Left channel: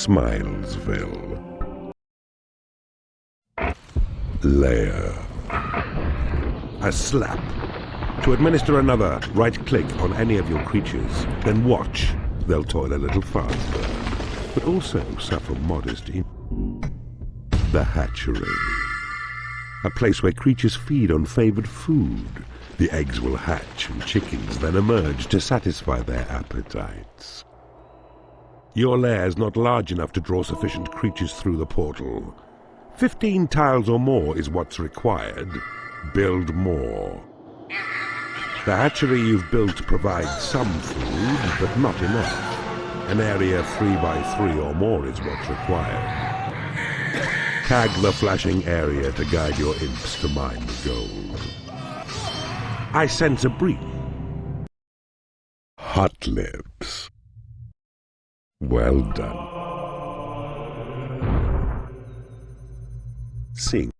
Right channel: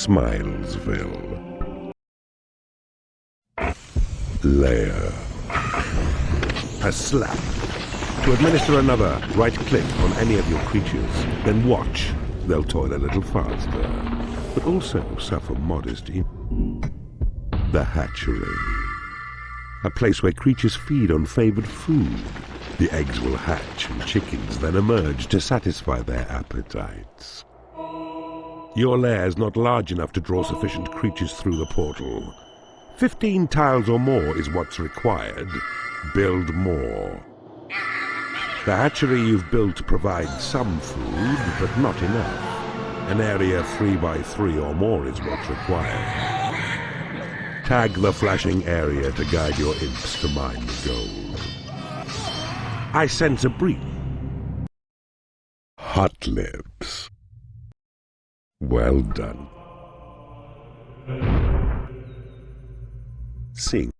Smilesville. Lair. A slap. To administer another, right-click on any of your creatures, then watch. They'll toil a little faster, but also suffer modest The hatchery. A place where creatures feed on favored food. The eggs will hatch and chickens then emerge to satisfy their appetites. Your lair is not large enough to draw sufficient creatures through the portal. 15 tiles or more is what's required. Build more. The hatchery you've built provides some food, but not enough. An area 3 by 3 or more is what's required. Tag the flashing area to guide your imps to mine the gold. I sense a breeze. Hot lips. Well done. Sing.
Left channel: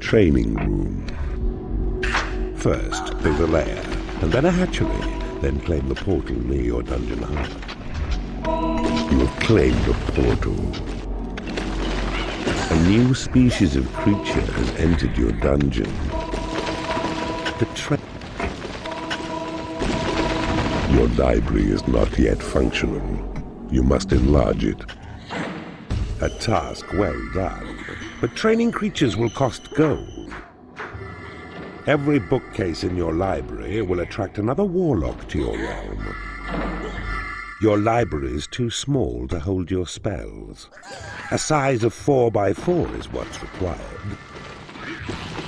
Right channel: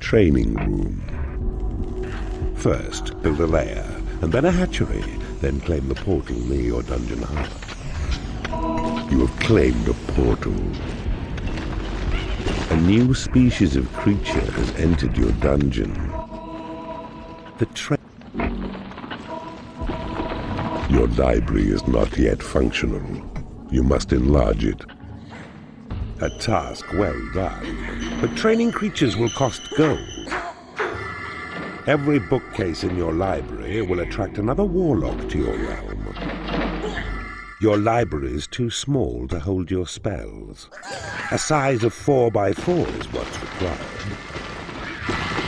Training room. First, build a lair, and then a hatchery, then claim the portal near your dungeon heart. You have claimed a portal. A new species of creature has entered your dungeon. Your library is not yet functional. You must enlarge it. A task well done, but training creatures will cost gold. Every bookcase in your library will attract another warlock to your realm. Your library is too small to hold your spells. A size of 4 by 4 is what's required.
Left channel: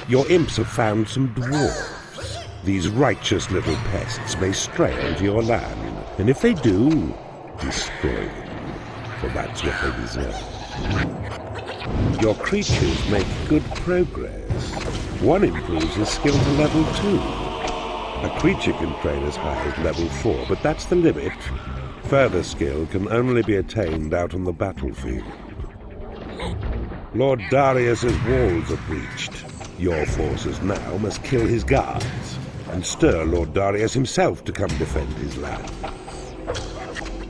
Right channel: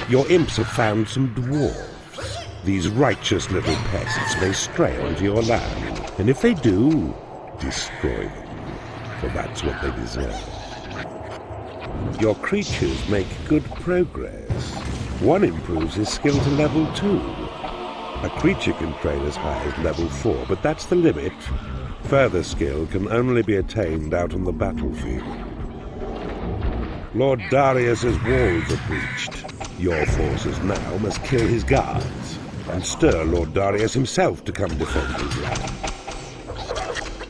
Your imps have found some dwarves. These righteous little pests may stray onto your land, and if they do, destroy them, for that's what they deserve. Your creatures make good progress. One improves his skill to level 2. A creature can train as high as level 4, but that's the limit. Further skill can only be attained out on the battlefield. Lord Darius's walls are breached. Your forces now must kill his guards, and stir Lord Darius himself to come defend his land.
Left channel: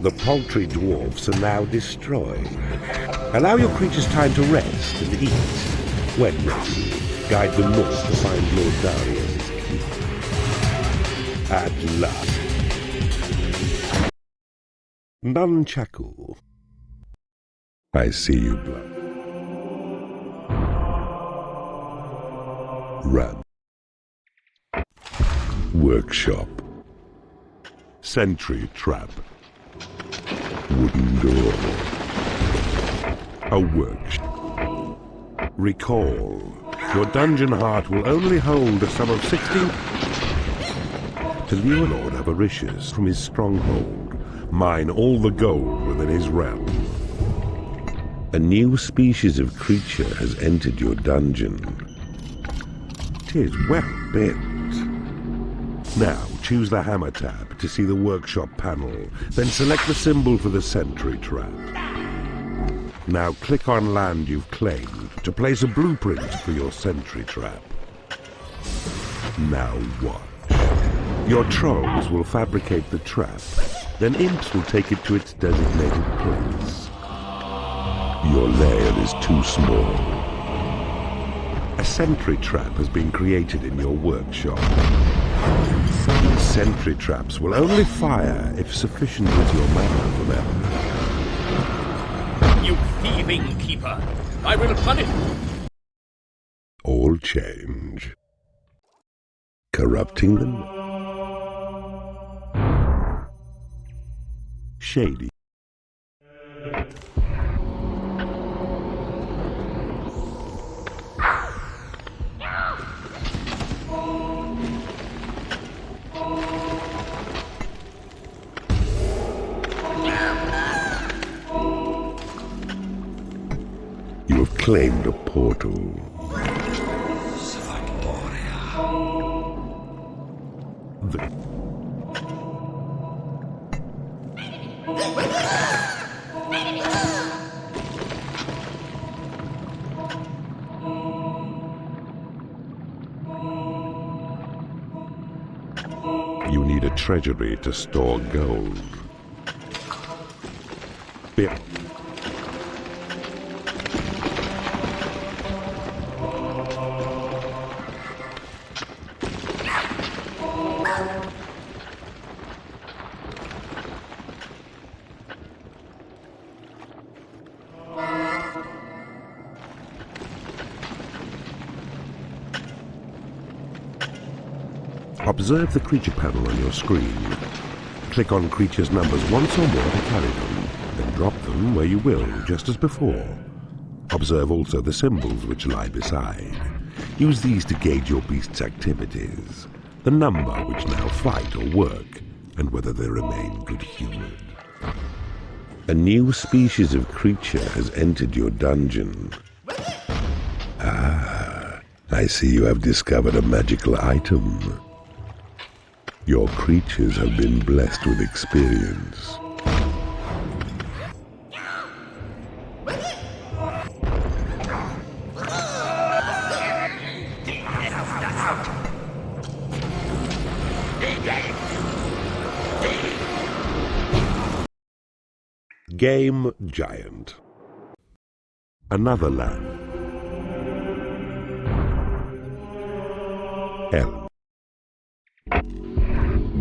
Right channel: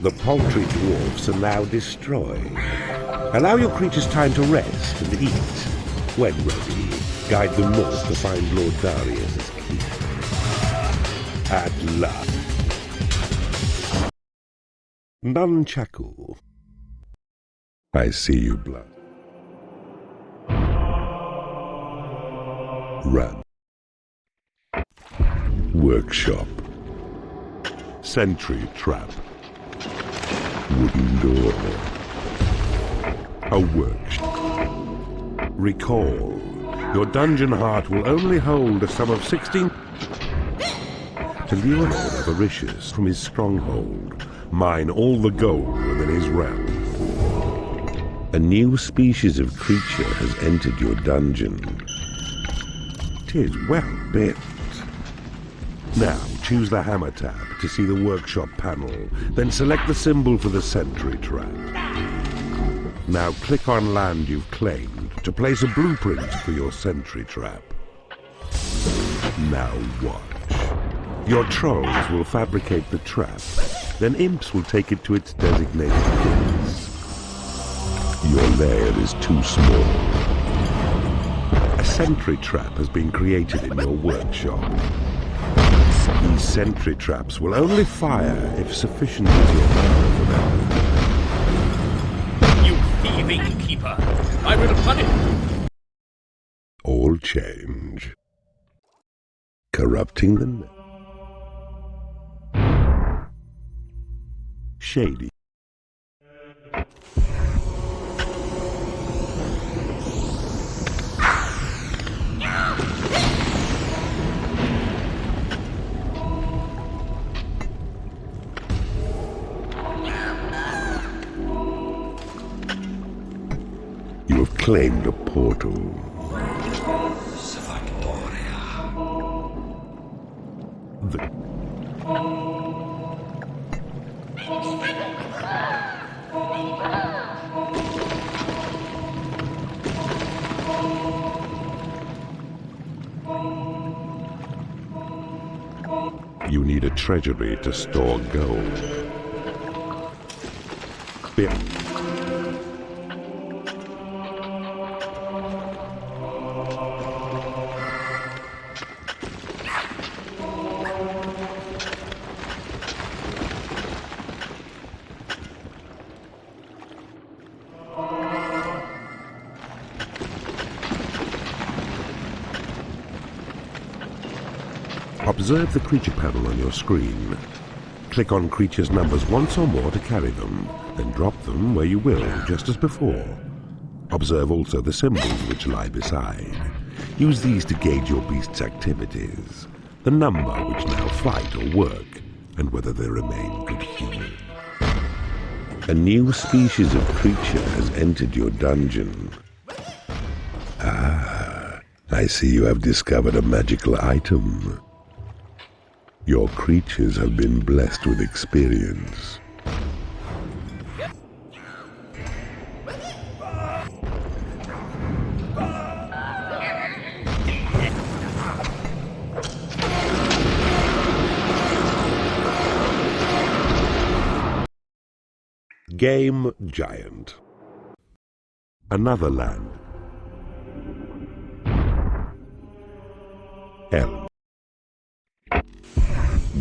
The paltry dwarfs are now destroyed. Allow your creatures time to rest and eat. When ready, guide them north to find Lord Darius's keep. At last. Nunchaku. I see you, blood. Run. Workshop. Sentry trap. Wooden door. A workshop. Recall. Your dungeon heart will only hold a sum of 16 to lure Lord Avaricious from his stronghold. Mine all the gold within his realm. A new species of creature has entered your dungeon. 'Tis well built. Now choose the hammer tab to see the workshop panel, then select the symbol for the sentry trap. Now click on land you've claimed to place a blueprint for your sentry trap. Now watch. Your trolls will fabricate the trap, then imps will take it to its designated place. Your lair is too small. A sentry trap has been created in your workshop. These sentry traps will only fire if sufficient is your mana for them. You thieving keeper! I will punish you! All change. Corrupting them. Shady. You have claimed a portal. You need a treasury to store gold. Be- Observe the creature panel on your screen. Click on creatures' numbers once or more to carry them, then drop them where you will, just as before. Observe also the symbols which lie beside. Use these to gauge your beast's activities, the number which now fight or work, and whether they remain good-humored. A new species of creature has entered your dungeon. Ah, I see you have discovered a magical item. Your creatures have been blessed with experience. Game Giant. Another land. Elm.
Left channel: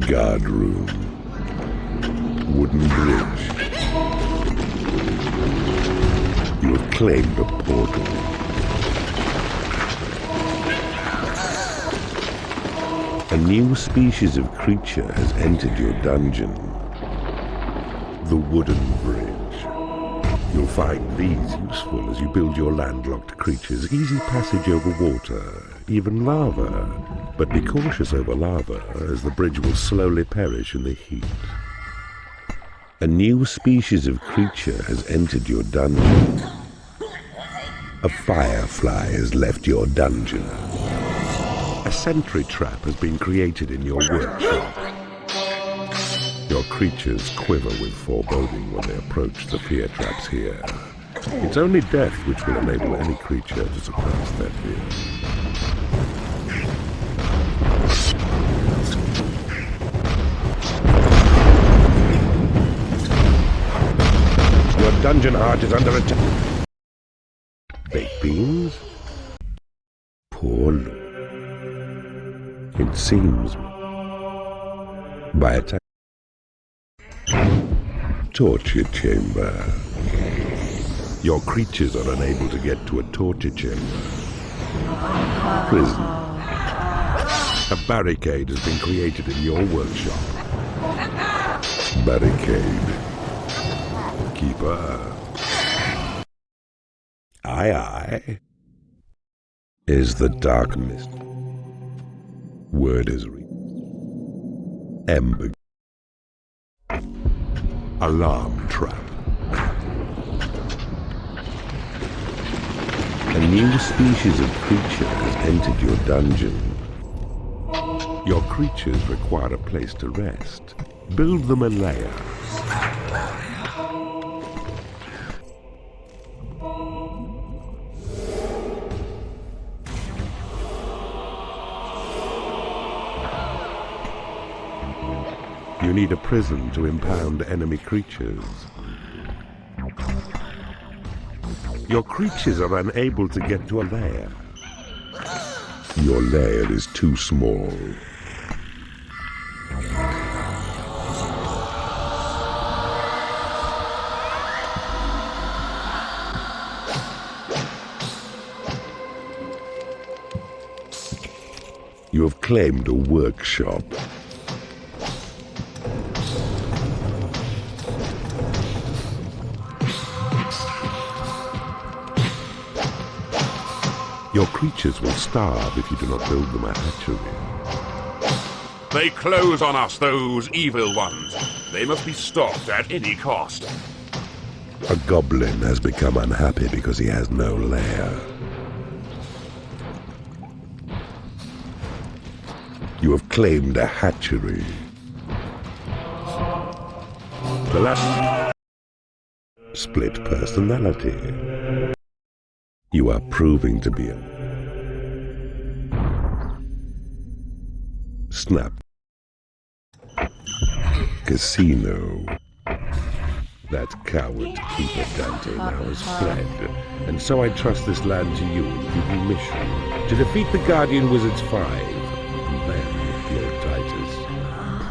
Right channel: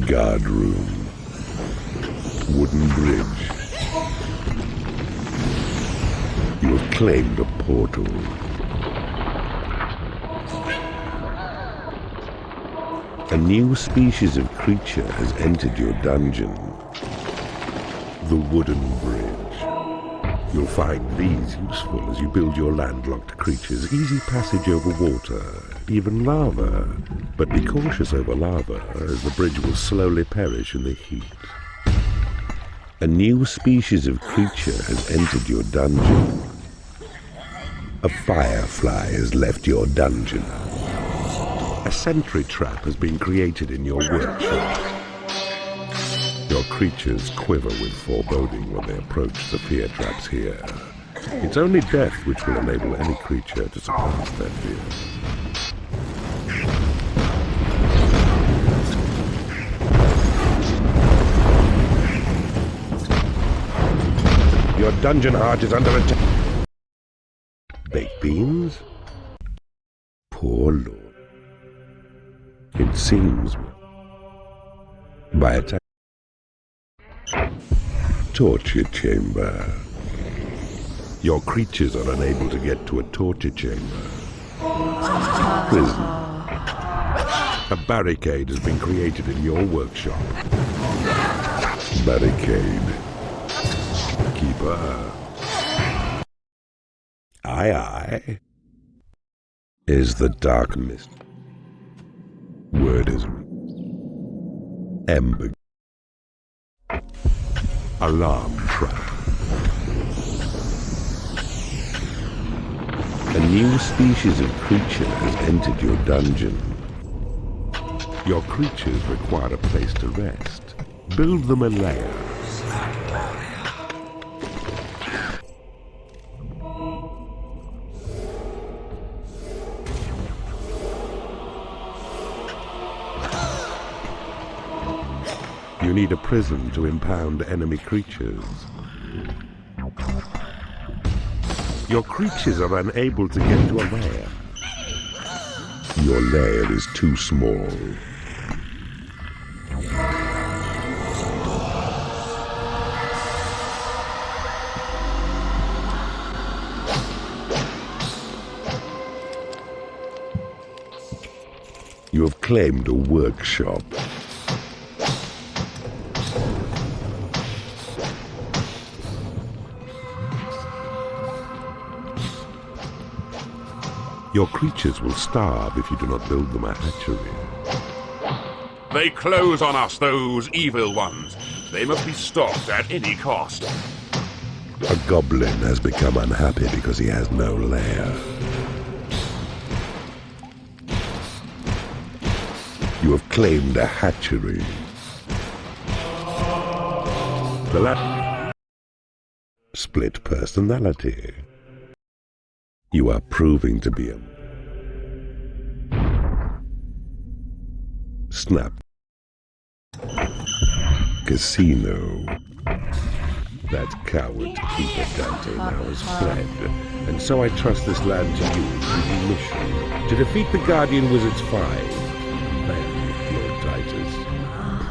Guard room. Wooden bridge. You have claimed a portal. A new species of creature has entered your dungeon. The wooden bridge. You'll find these useful as you build your landlocked creatures easy passage over water, even lava. But be cautious over lava, as the bridge will slowly perish in the heat. A new species of creature has entered your dungeon. A firefly has left your dungeon. A sentry trap has been created in your workshop. Your creatures quiver with foreboding when they approach the fear traps here. It's only death which will enable any creature to surpass their fear. Your dungeon heart is under attack. Baked beans? Poor lord. It seems. By attack. Torture chamber. Your creatures are unable to get to a torture chamber. Prison. A barricade has been created in your workshop. Barricade. Keeper. Aye, aye. Is the dark mist. Word is Ember. Alarm trap. A new species of creature has entered your dungeon. Your creatures require a place to rest. Build them a lair. You need a prison to impound enemy creatures. Your creatures are unable to get to a lair. Your lair is too small. You have claimed a workshop. Your creatures will starve if you do not build them a hatchery. They close on us, those evil ones. They must be stopped at any cost. A goblin has become unhappy because he has no lair. You have claimed a hatchery. The last split personality. You are proving to be a snap. Casino. That coward keeper Dante now has fled, and so I trust this land to you in duty mission, to defeat the Guardian Wizards 5, and then Lord Titus.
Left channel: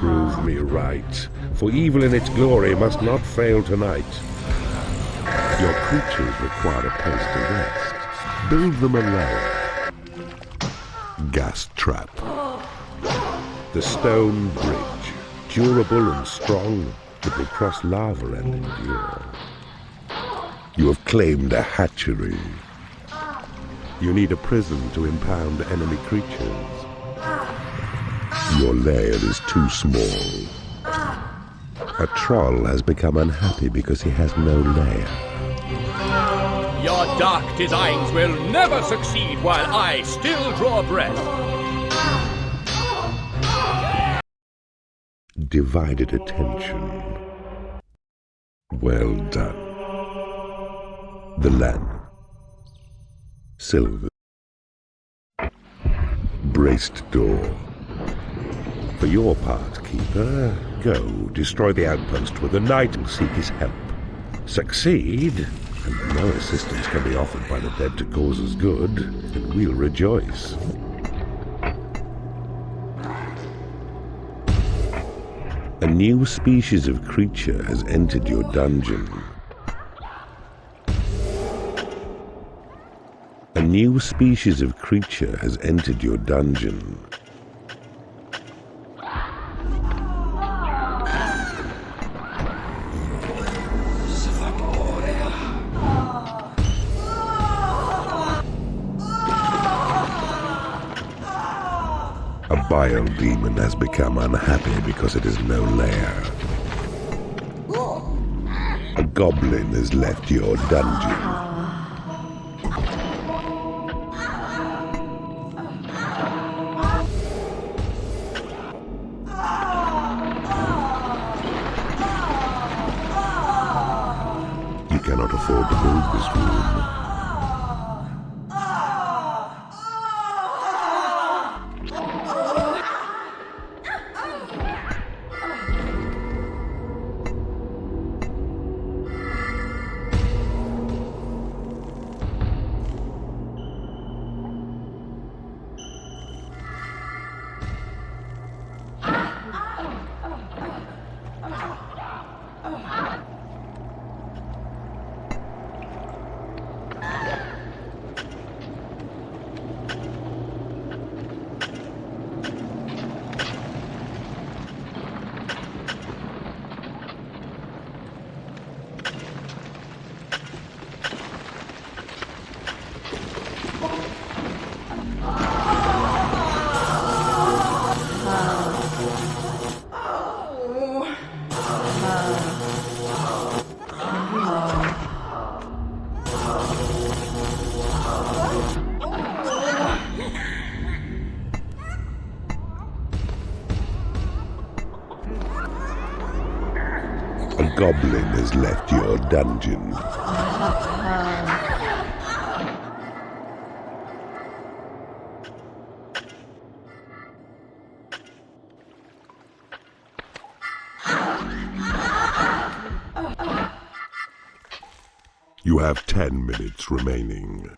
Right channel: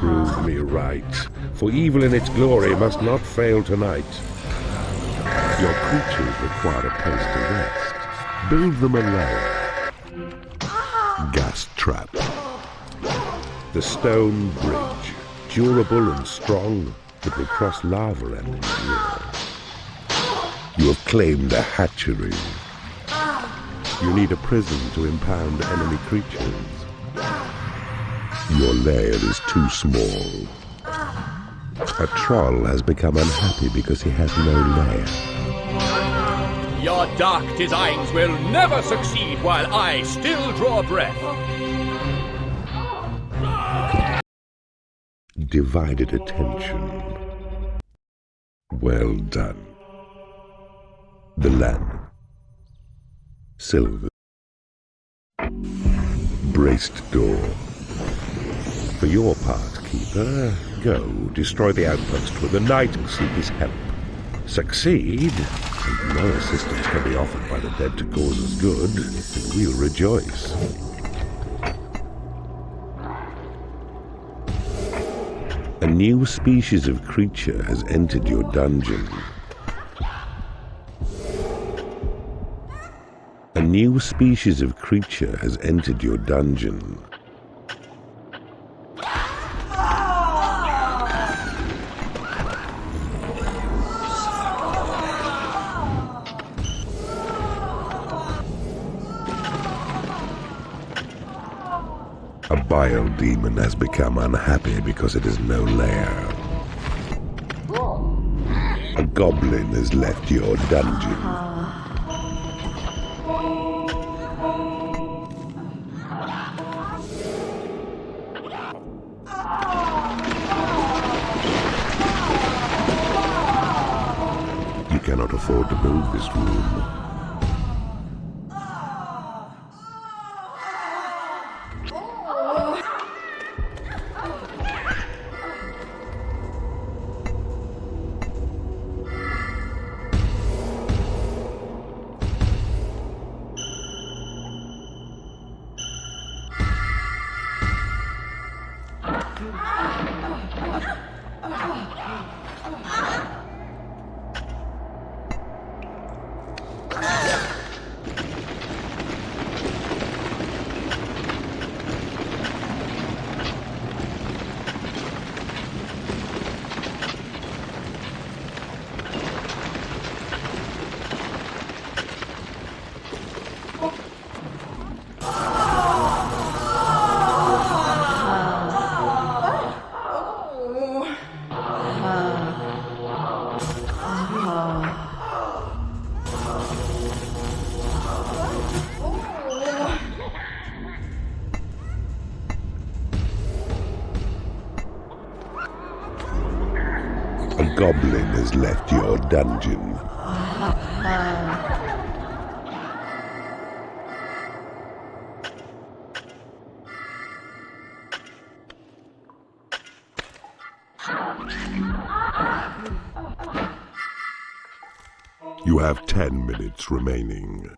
Prove me right, for evil in its glory must not fail tonight. Your creatures require a place to rest. Build them a lair. Gas trap. The stone bridge, durable and strong, that will cross lava and endure. You have claimed a hatchery. You need a prison to impound enemy creatures. Your lair is too small. A troll has become unhappy because he has no lair. Your dark designs will never succeed while I still draw breath. Divided attention. Well done. The land. Silver. Braced door. For your part, Keeper, go destroy the outpost where the knight will seek his help. Succeed, and no assistance can be offered by the dead to cause us good, and we'll rejoice. A new species of creature has entered your dungeon. A new species of creature has entered your dungeon. A bile demon has become unhappy because it has no lair. A goblin has left your dungeon. You cannot afford to build this room. A goblin has left your dungeon. You have 10 minutes remaining.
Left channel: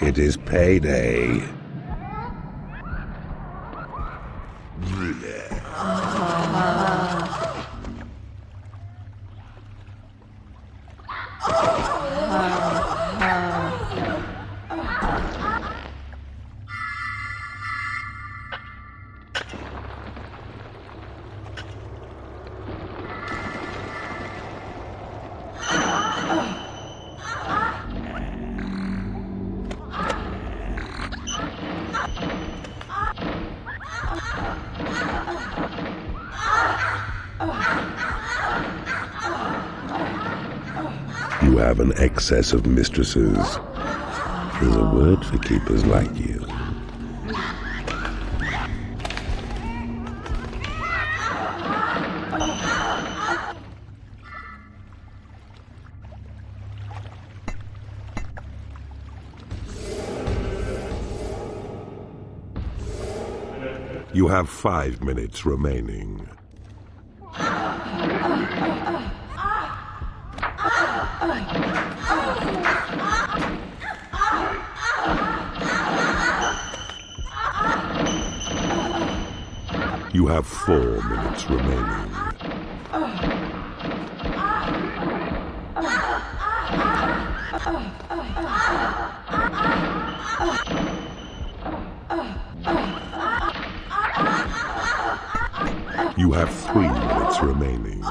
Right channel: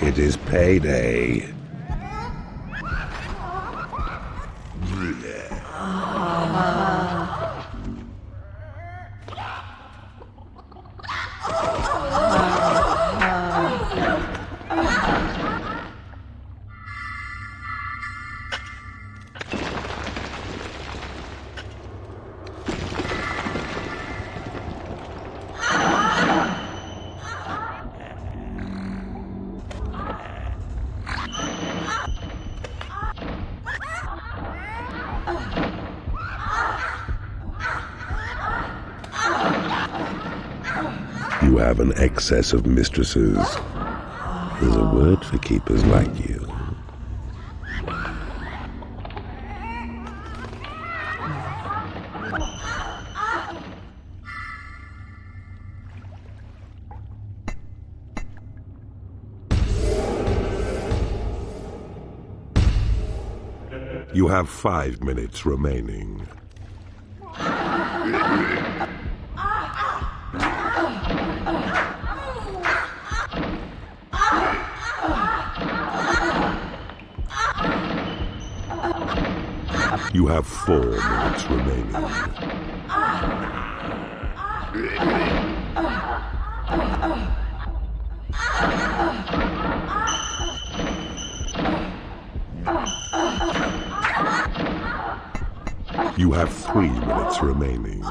It is payday. You have an excess of mistresses. There's a word for keepers like you. You have 5 minutes remaining. You have 4 minutes remaining. You have 3 minutes remaining.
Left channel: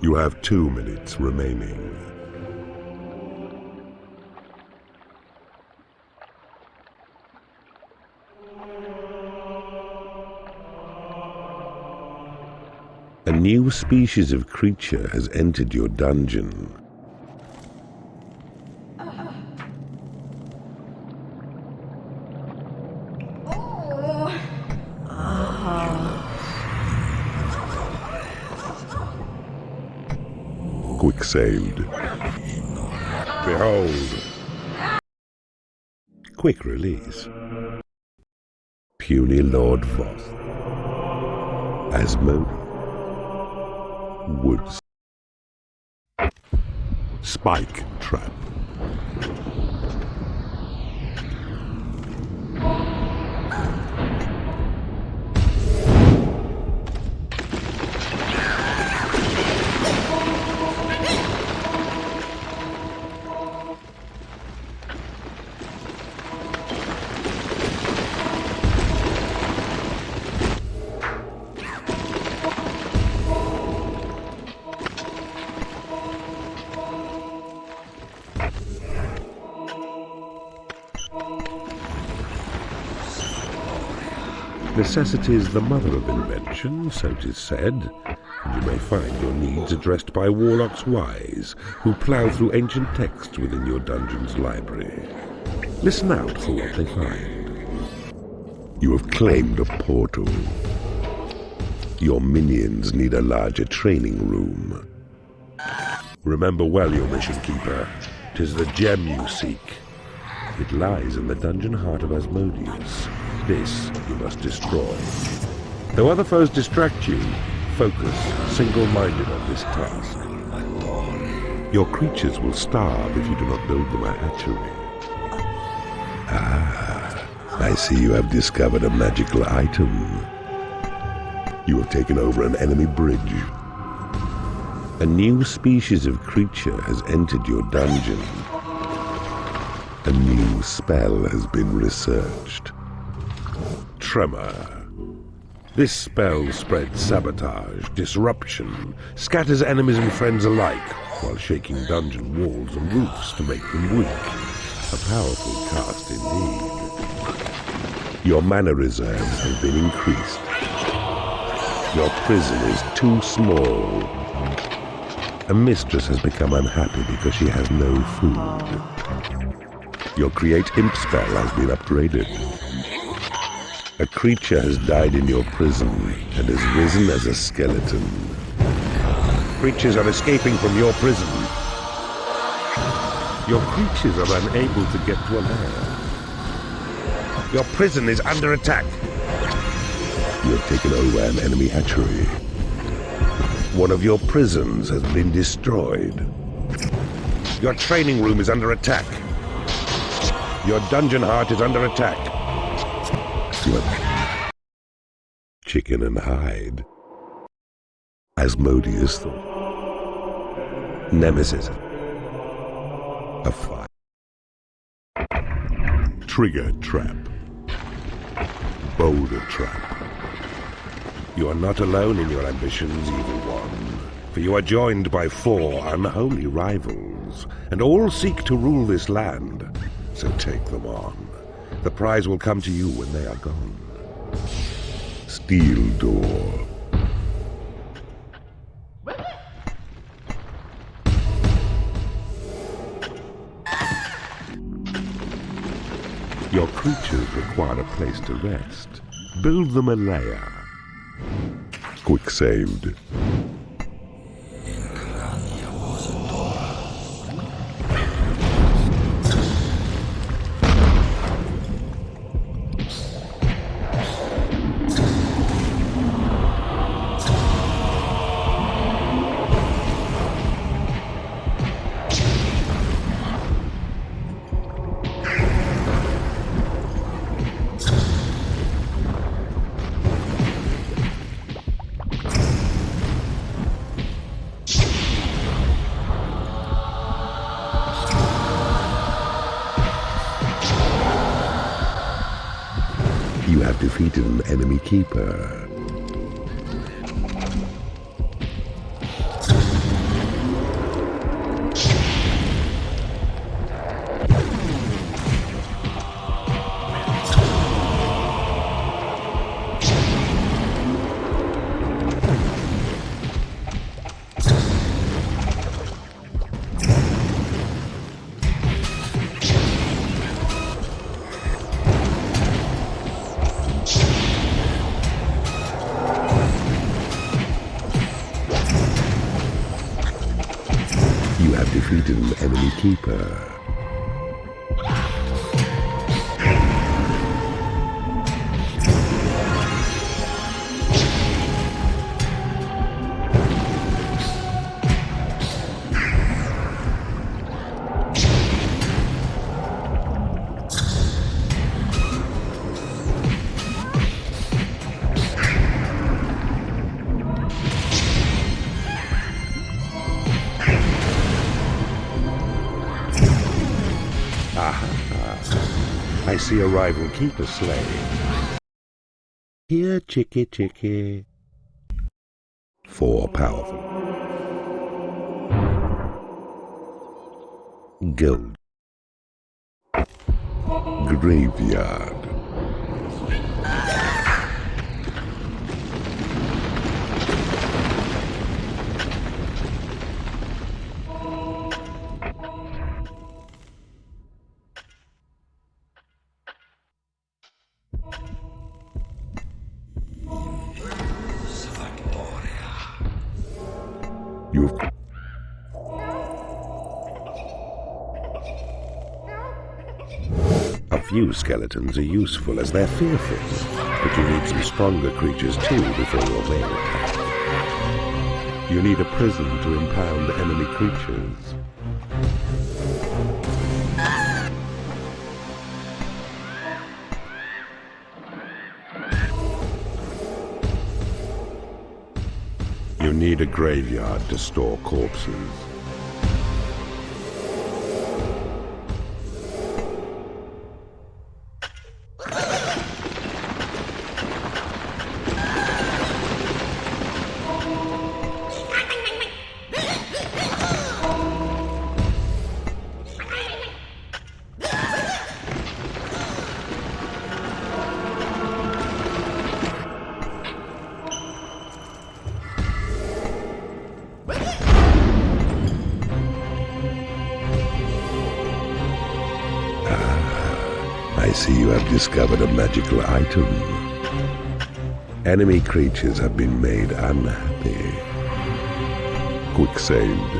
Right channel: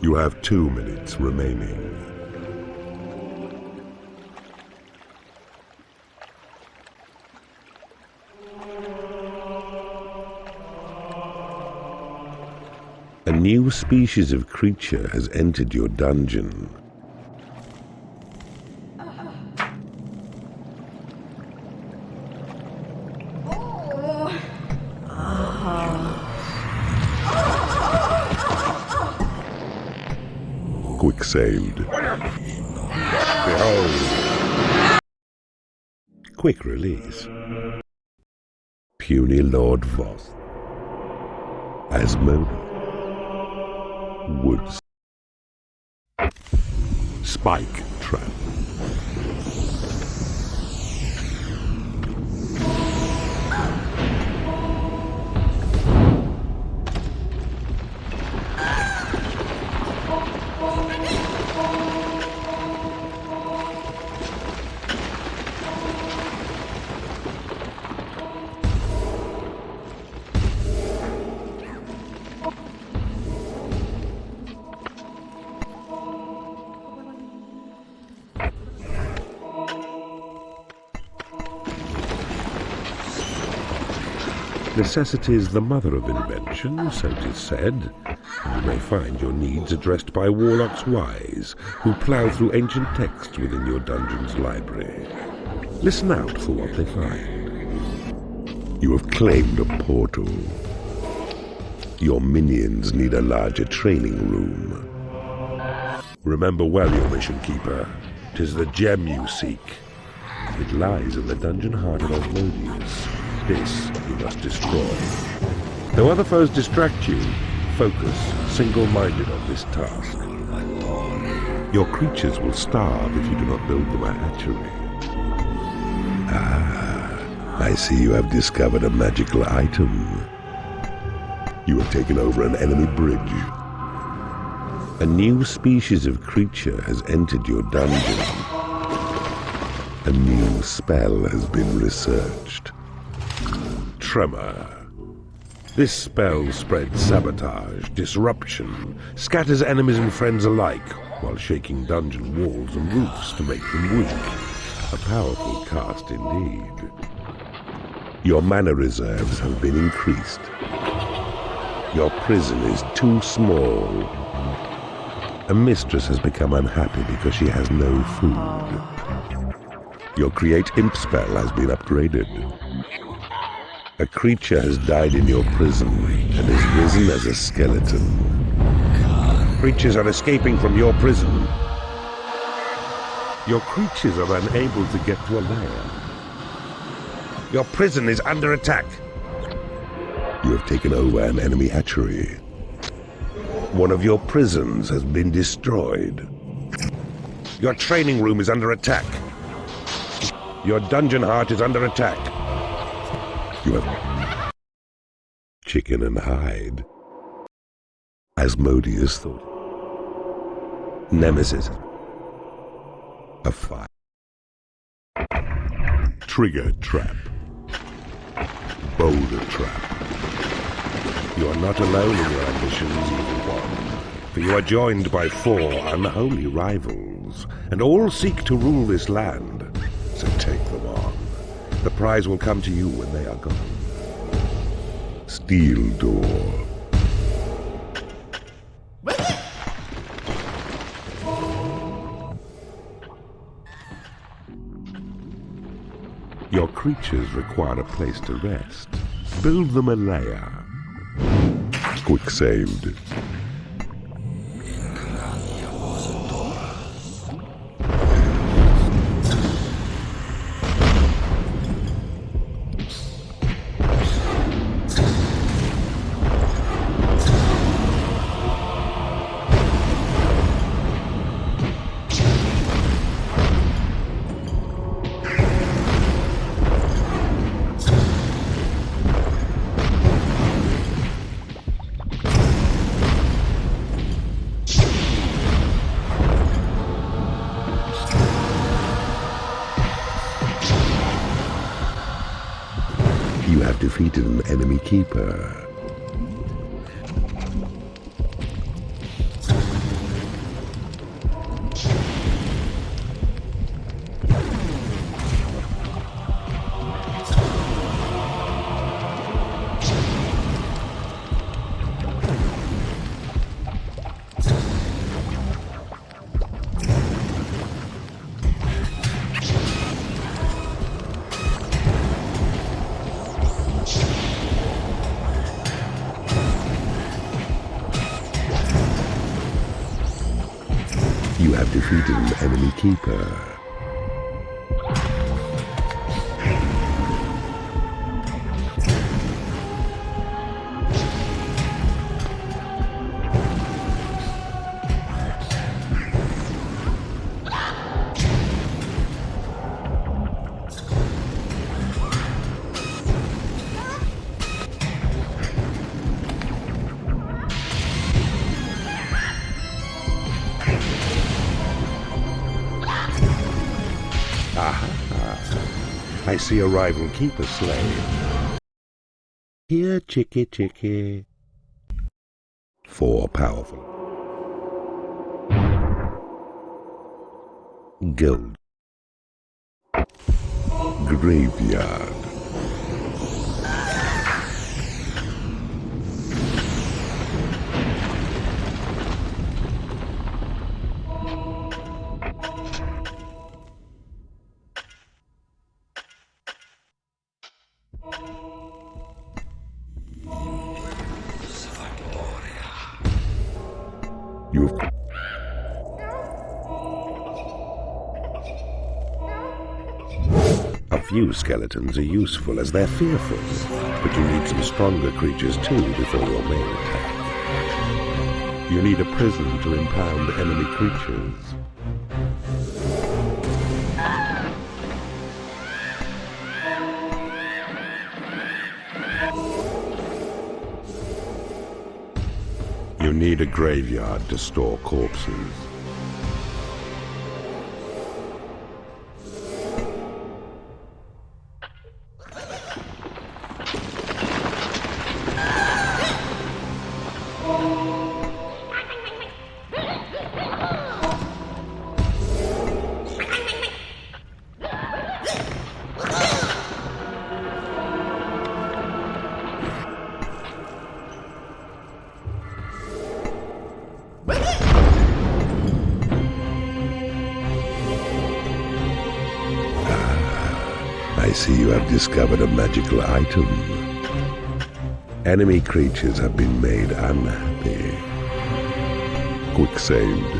You have 2 minutes remaining. A new species of creature has entered your dungeon. Quick saved. Behold. Quick release. Puny Lord Voss. Asmodeus. Woods. Spike trap. Necessity is the mother of invention, so 'tis said, and you may find your needs addressed by warlocks wise, who plough through ancient texts within your dungeon's library. Listen out for what they find. You have claimed a portal. Your minions need a larger training room. Remember well your mission, Keeper. 'Tis the gem you seek. It lies in the dungeon heart of Asmodeus. This you must destroy. Though other foes distract you, focus single-minded on this task. Your creatures will starve if you do not build them a hatchery. Ah, I see you have discovered a magical item. You have taken over an enemy bridge. A new species of creature has entered your dungeon. A new spell has been researched. Tremor. This spell spreads sabotage, disruption, scatters enemies and friends alike, while shaking dungeon walls and roofs to make them weak. A powerful cast indeed. Your mana reserves have been increased. Your prison is too small. A mistress has become unhappy because she has no food. Your create imp spell has been upgraded. A creature has died in your prison and is risen as a skeleton. Creatures are escaping from your prison. Your creatures are unable to get to a lair. Your prison is under attack. You have taken over an enemy hatchery. One of your prisons has been destroyed. Your training room is under attack. Your dungeon heart is under attack. You have chicken and hide. Asmodeus thought. Nemesis. A fire. Trigger trap. Boulder trap. You are not alone in your ambitions, Evil One, for you are joined by 4 unholy rivals, and all seek to rule this land, so take them on. The prize will come to you when they are gone. Steel door. Your creatures require a place to rest. Build them a lair. Quick saved. You have defeated an enemy keeper. You have defeated an enemy keeper. I see a rival keeper slain. Here, chickie, chickie. 4 powerful. Gold. Graveyard. You've... A few skeletons are useful as they're fearful, but you need some stronger creatures too before your main attack. You need a prison to impound enemy creatures. You need a graveyard to store corpses. I see you have discovered a magical item. Enemy creatures have been made unhappy. Quick saved.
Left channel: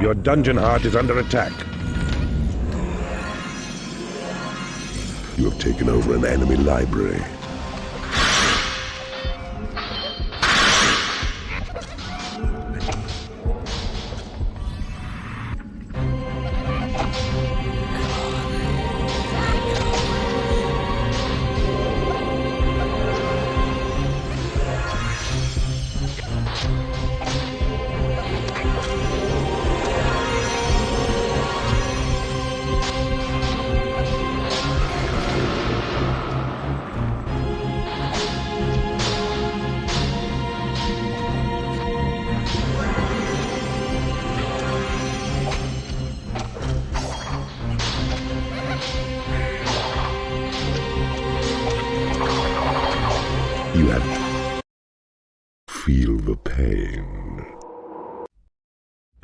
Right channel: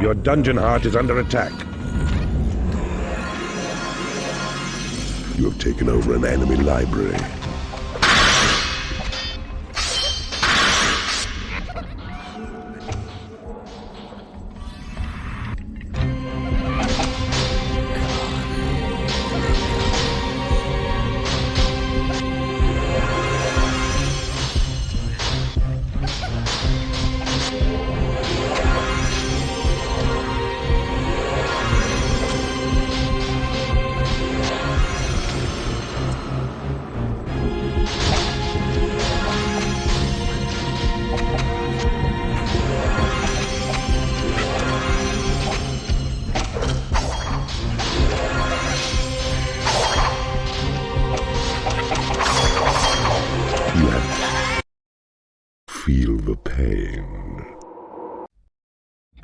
Your dungeon heart is under attack. You have taken over an enemy library.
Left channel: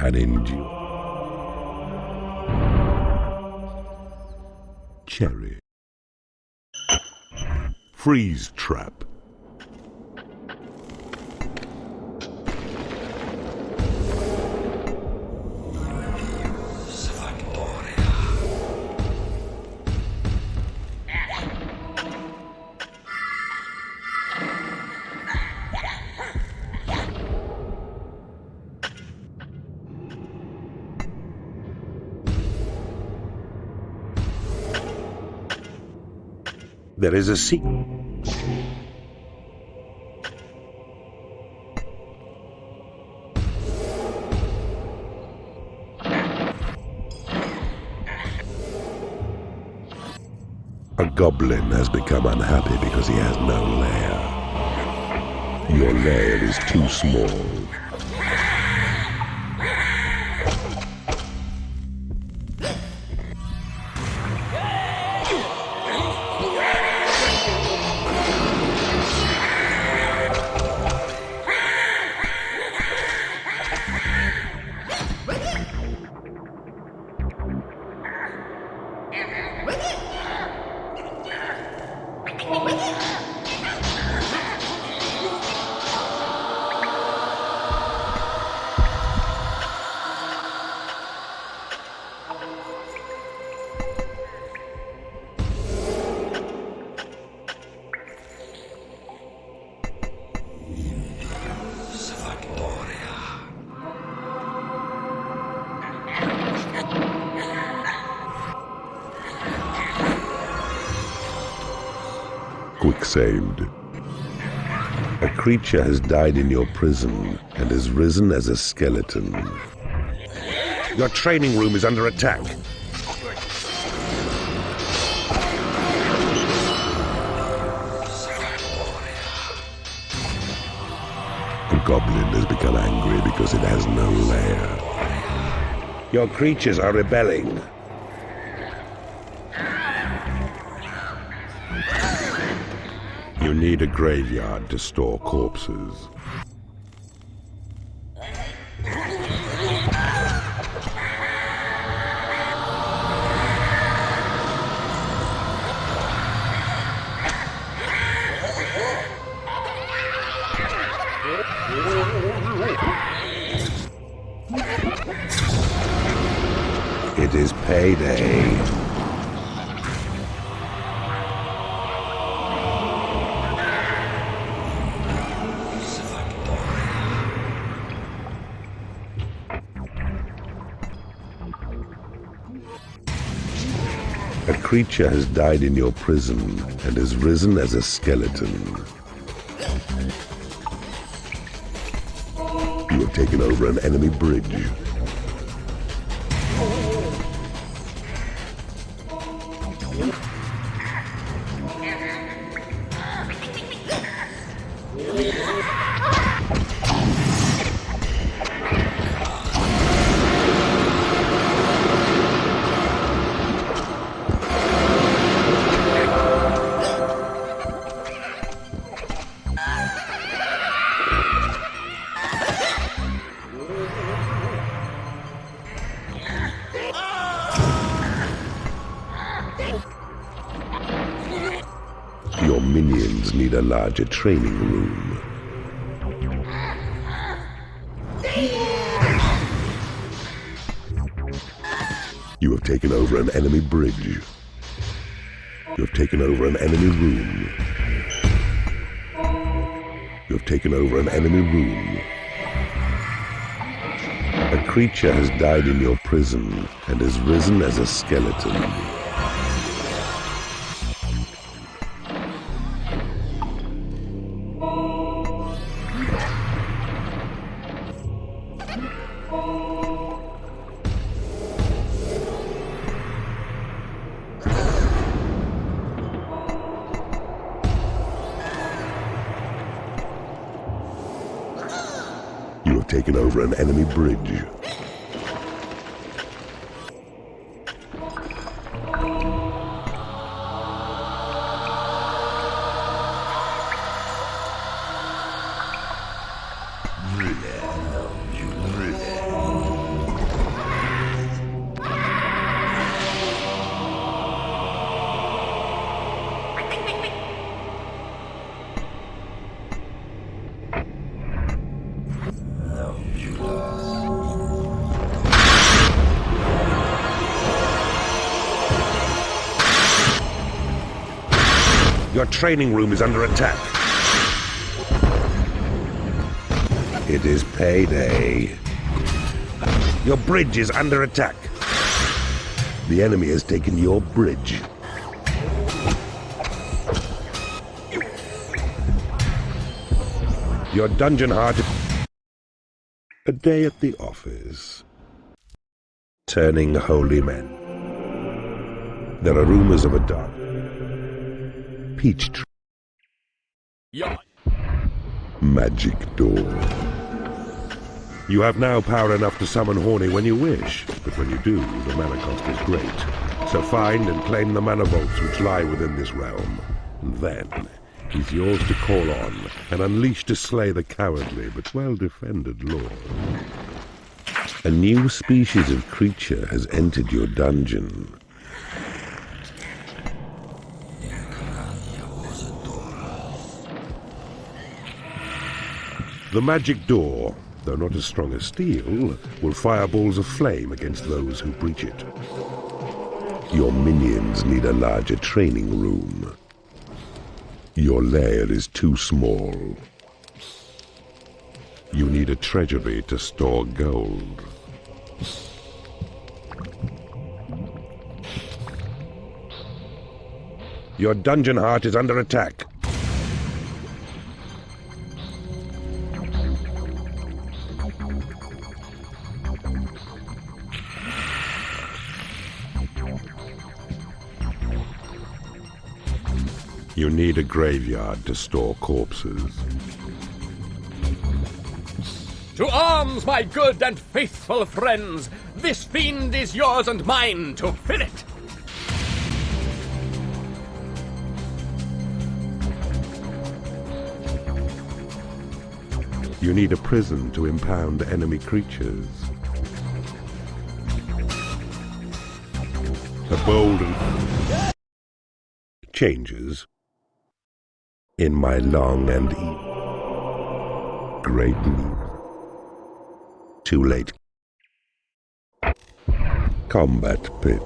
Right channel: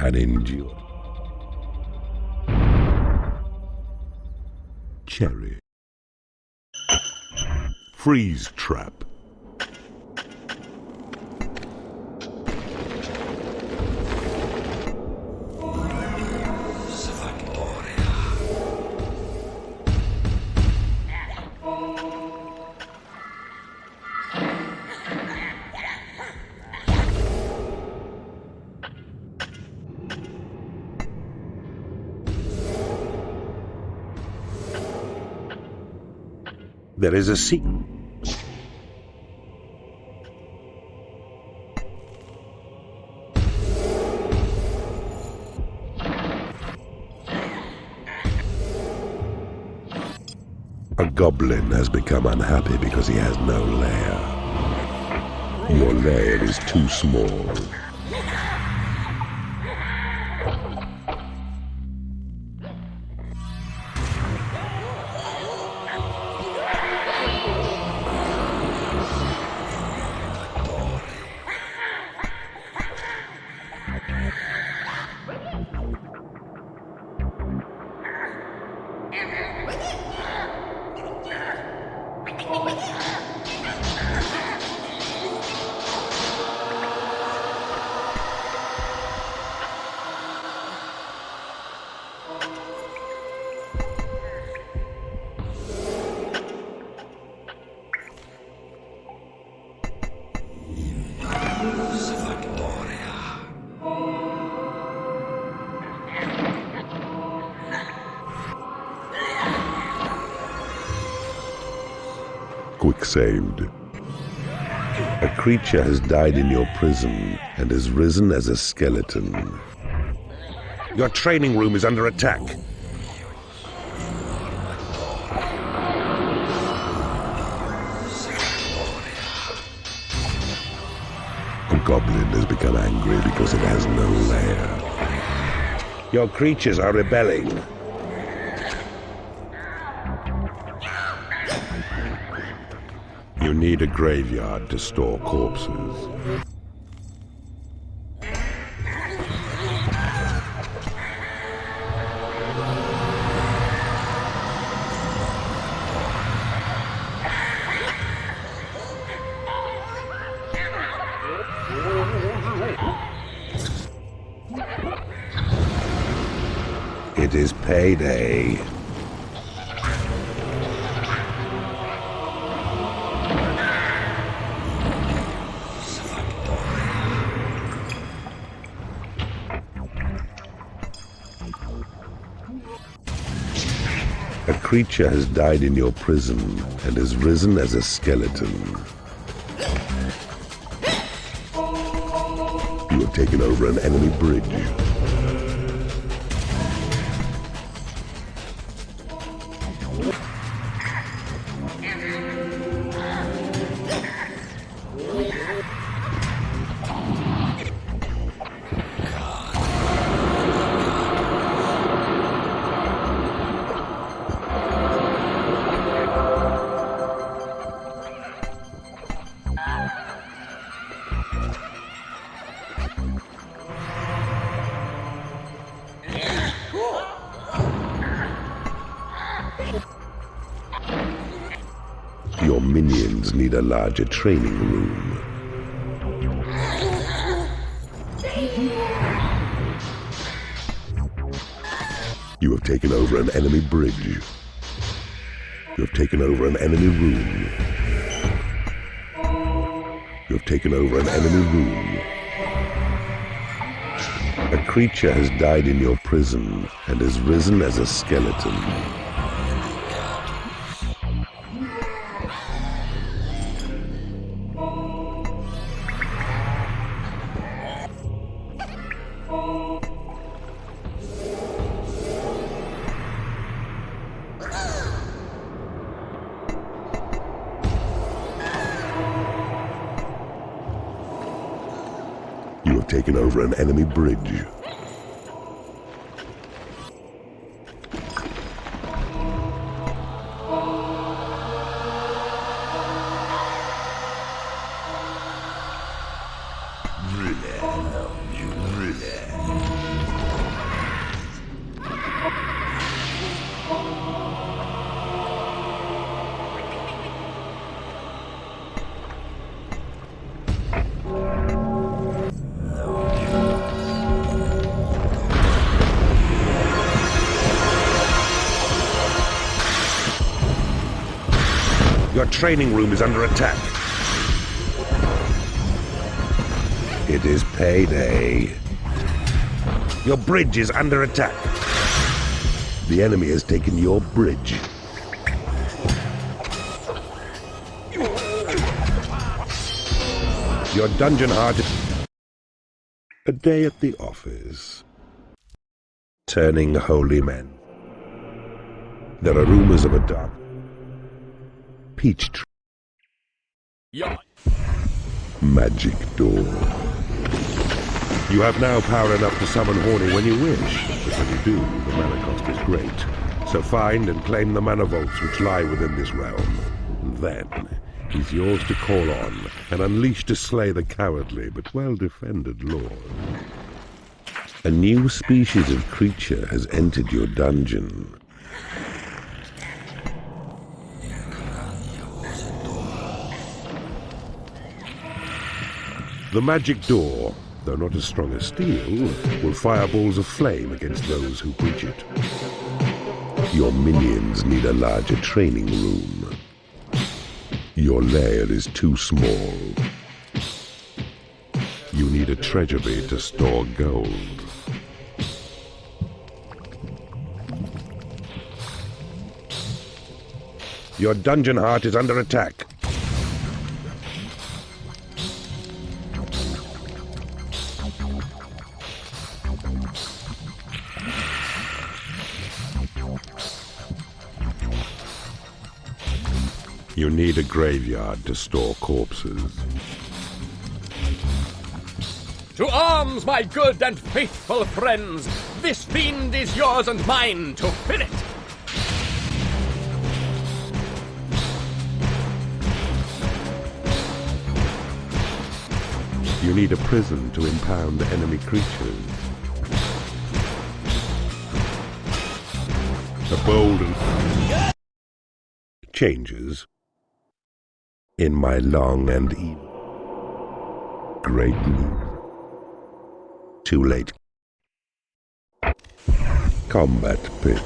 and endure. Cherry. Freeze trap. There is a secret. A goblin has become unhappy because he has no lair. Your lair is too small. Quick saved. A creature has died in your prison and has risen as a skeleton. Your training room is under attack. A goblin has become angry because it has no lair. Your creatures are rebelling. You need a graveyard to store corpses. It is payday. A creature has died in your prison and has risen as a skeleton. You have taken over an enemy bridge. Your minions need a larger training room. You have taken over an enemy bridge. You have taken over an enemy room. You have taken over an enemy room. A creature has died in your prison and has risen as a skeleton. You have taken over an enemy bridge. Your training room is under attack. It is payday. Your bridge is under attack. The enemy has taken your bridge. Your dungeon heart... A day at the office. Turning holy men. There are rumors of a dark... peach tree. Yeah. Magic door. You have now power enough to summon Horny when you wish, but when you do, the mana cost is great. So find and claim the mana vaults which lie within this realm. And then, he's yours to call on, and unleash to slay the cowardly but well-defended lord. A new species of creature has entered your dungeon. The magic door, though not as strong as steel, will fire balls of flame against those who breach it. Your minions need a larger training room. Your lair is too small. You need a treasury to store gold. Your dungeon heart is under attack. You need a graveyard to store corpses. To arms, my good and faithful friends! This fiend is yours and mine to fill it! You need a prison to impound enemy creatures. A bold and... changes. In my long and evil... great need. Too late. Combat pit.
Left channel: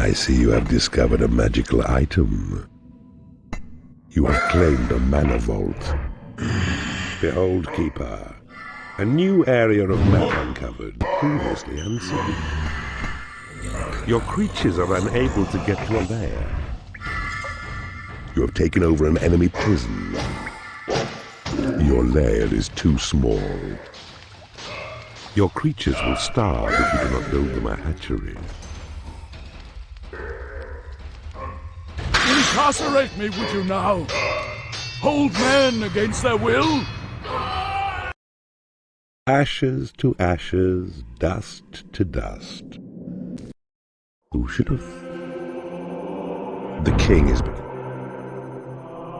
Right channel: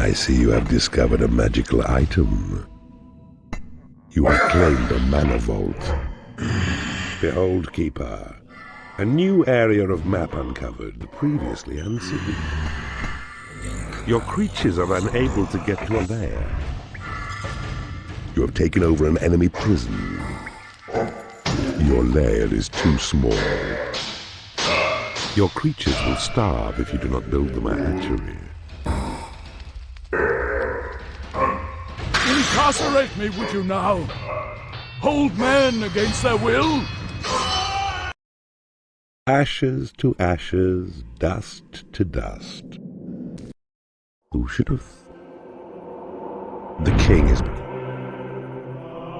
I see you have discovered a magical item. You have claimed a mana vault. Behold, Keeper, a new area of map uncovered, previously unseen. Your creatures are unable to get to a lair. You have taken over an enemy prison. Your lair is too small. Your creatures will starve if you do not build them a hatchery. Incarcerate me, would you now? Hold men against their will? Ashes to ashes, dust to dust. Who should have... The king is become...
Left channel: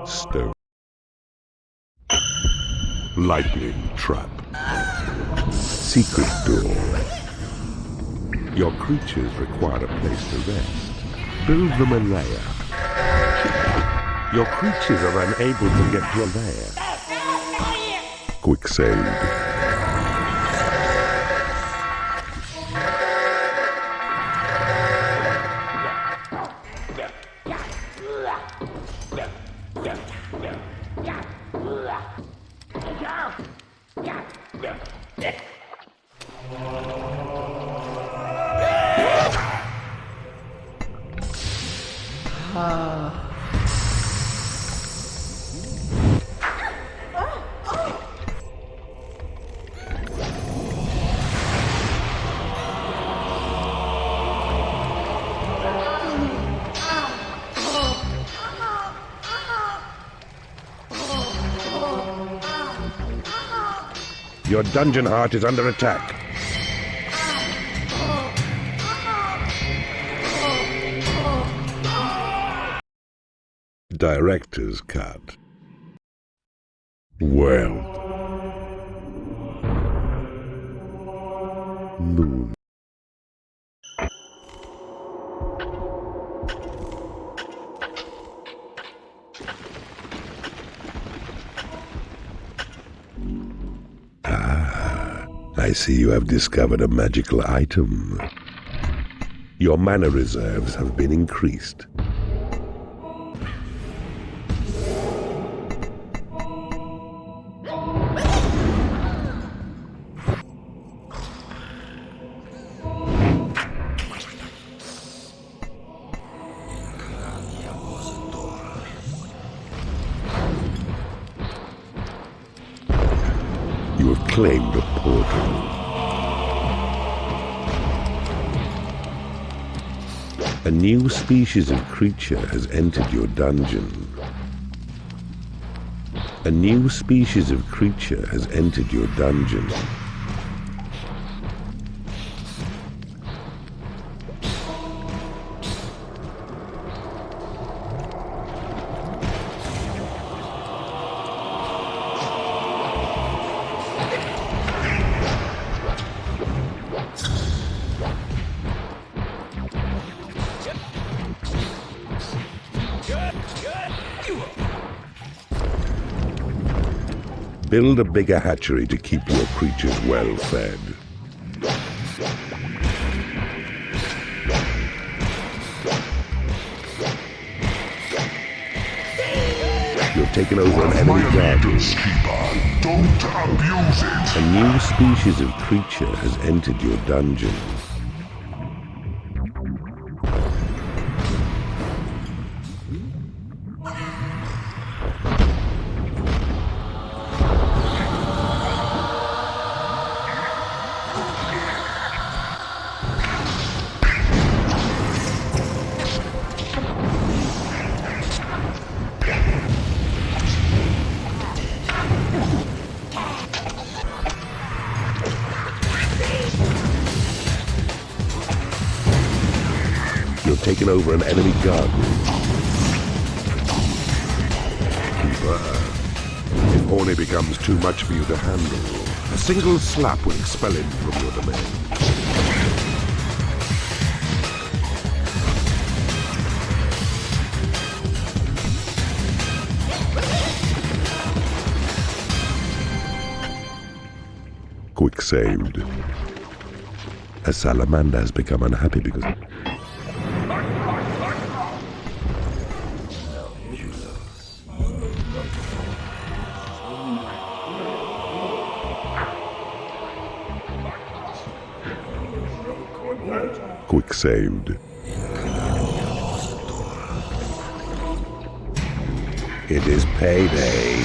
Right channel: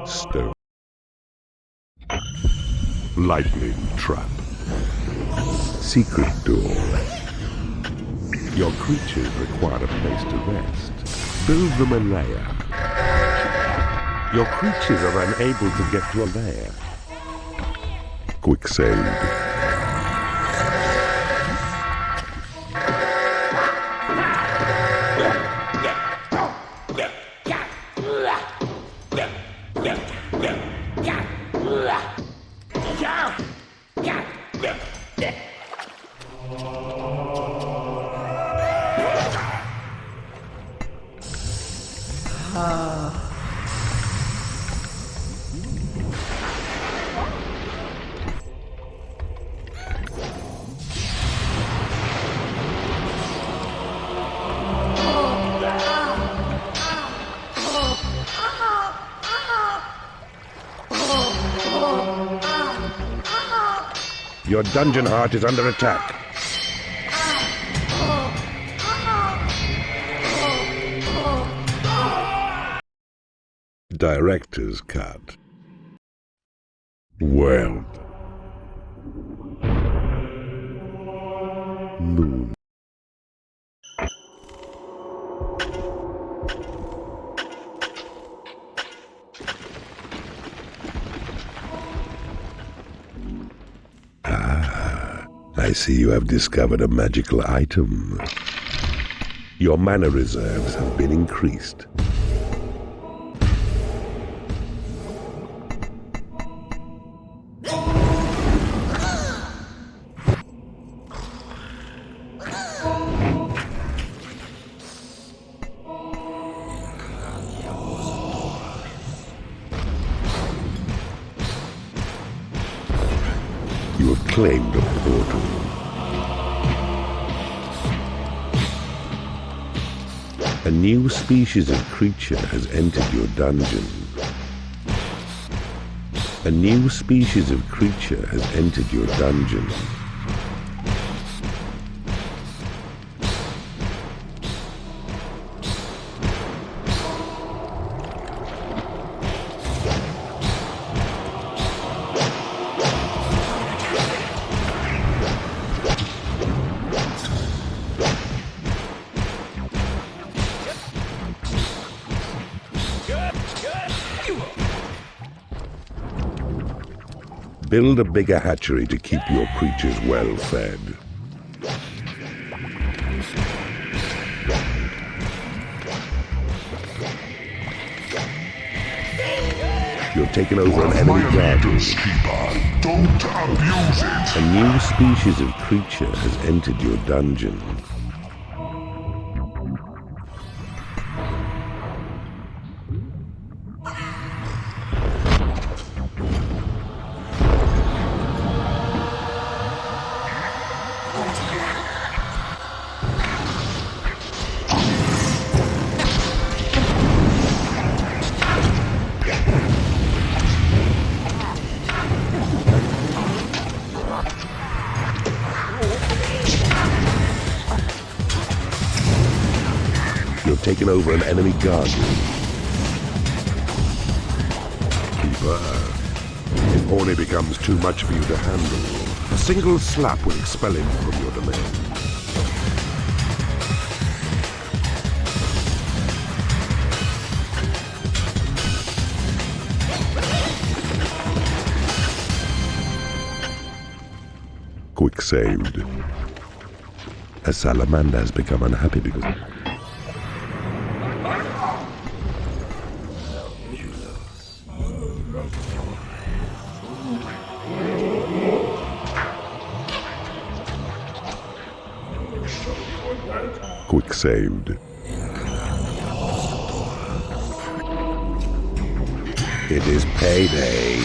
stone. Lightning trap. Secret door. Your creatures require a place to rest. Build them a lair. Your creatures are unable to get to a lair. Quick save. Your dungeon heart is under attack. Director's cut. World. Moon. I see you have discovered a magical item. Your mana reserves have been increased. You have claimed a portal. A new species of creature has entered your dungeon. A new species of creature has entered your dungeon. Build a bigger hatchery to keep your creatures well fed. You've taken over an enemy garden. Don't abuse it! A new species of creature has entered your dungeon. You've taken over an enemy garden. Keeper, if Horny becomes too much for you to handle, a single slap will expel him from your domain. Quick saved. A salamander has become unhappy because... Quick saved. It is payday.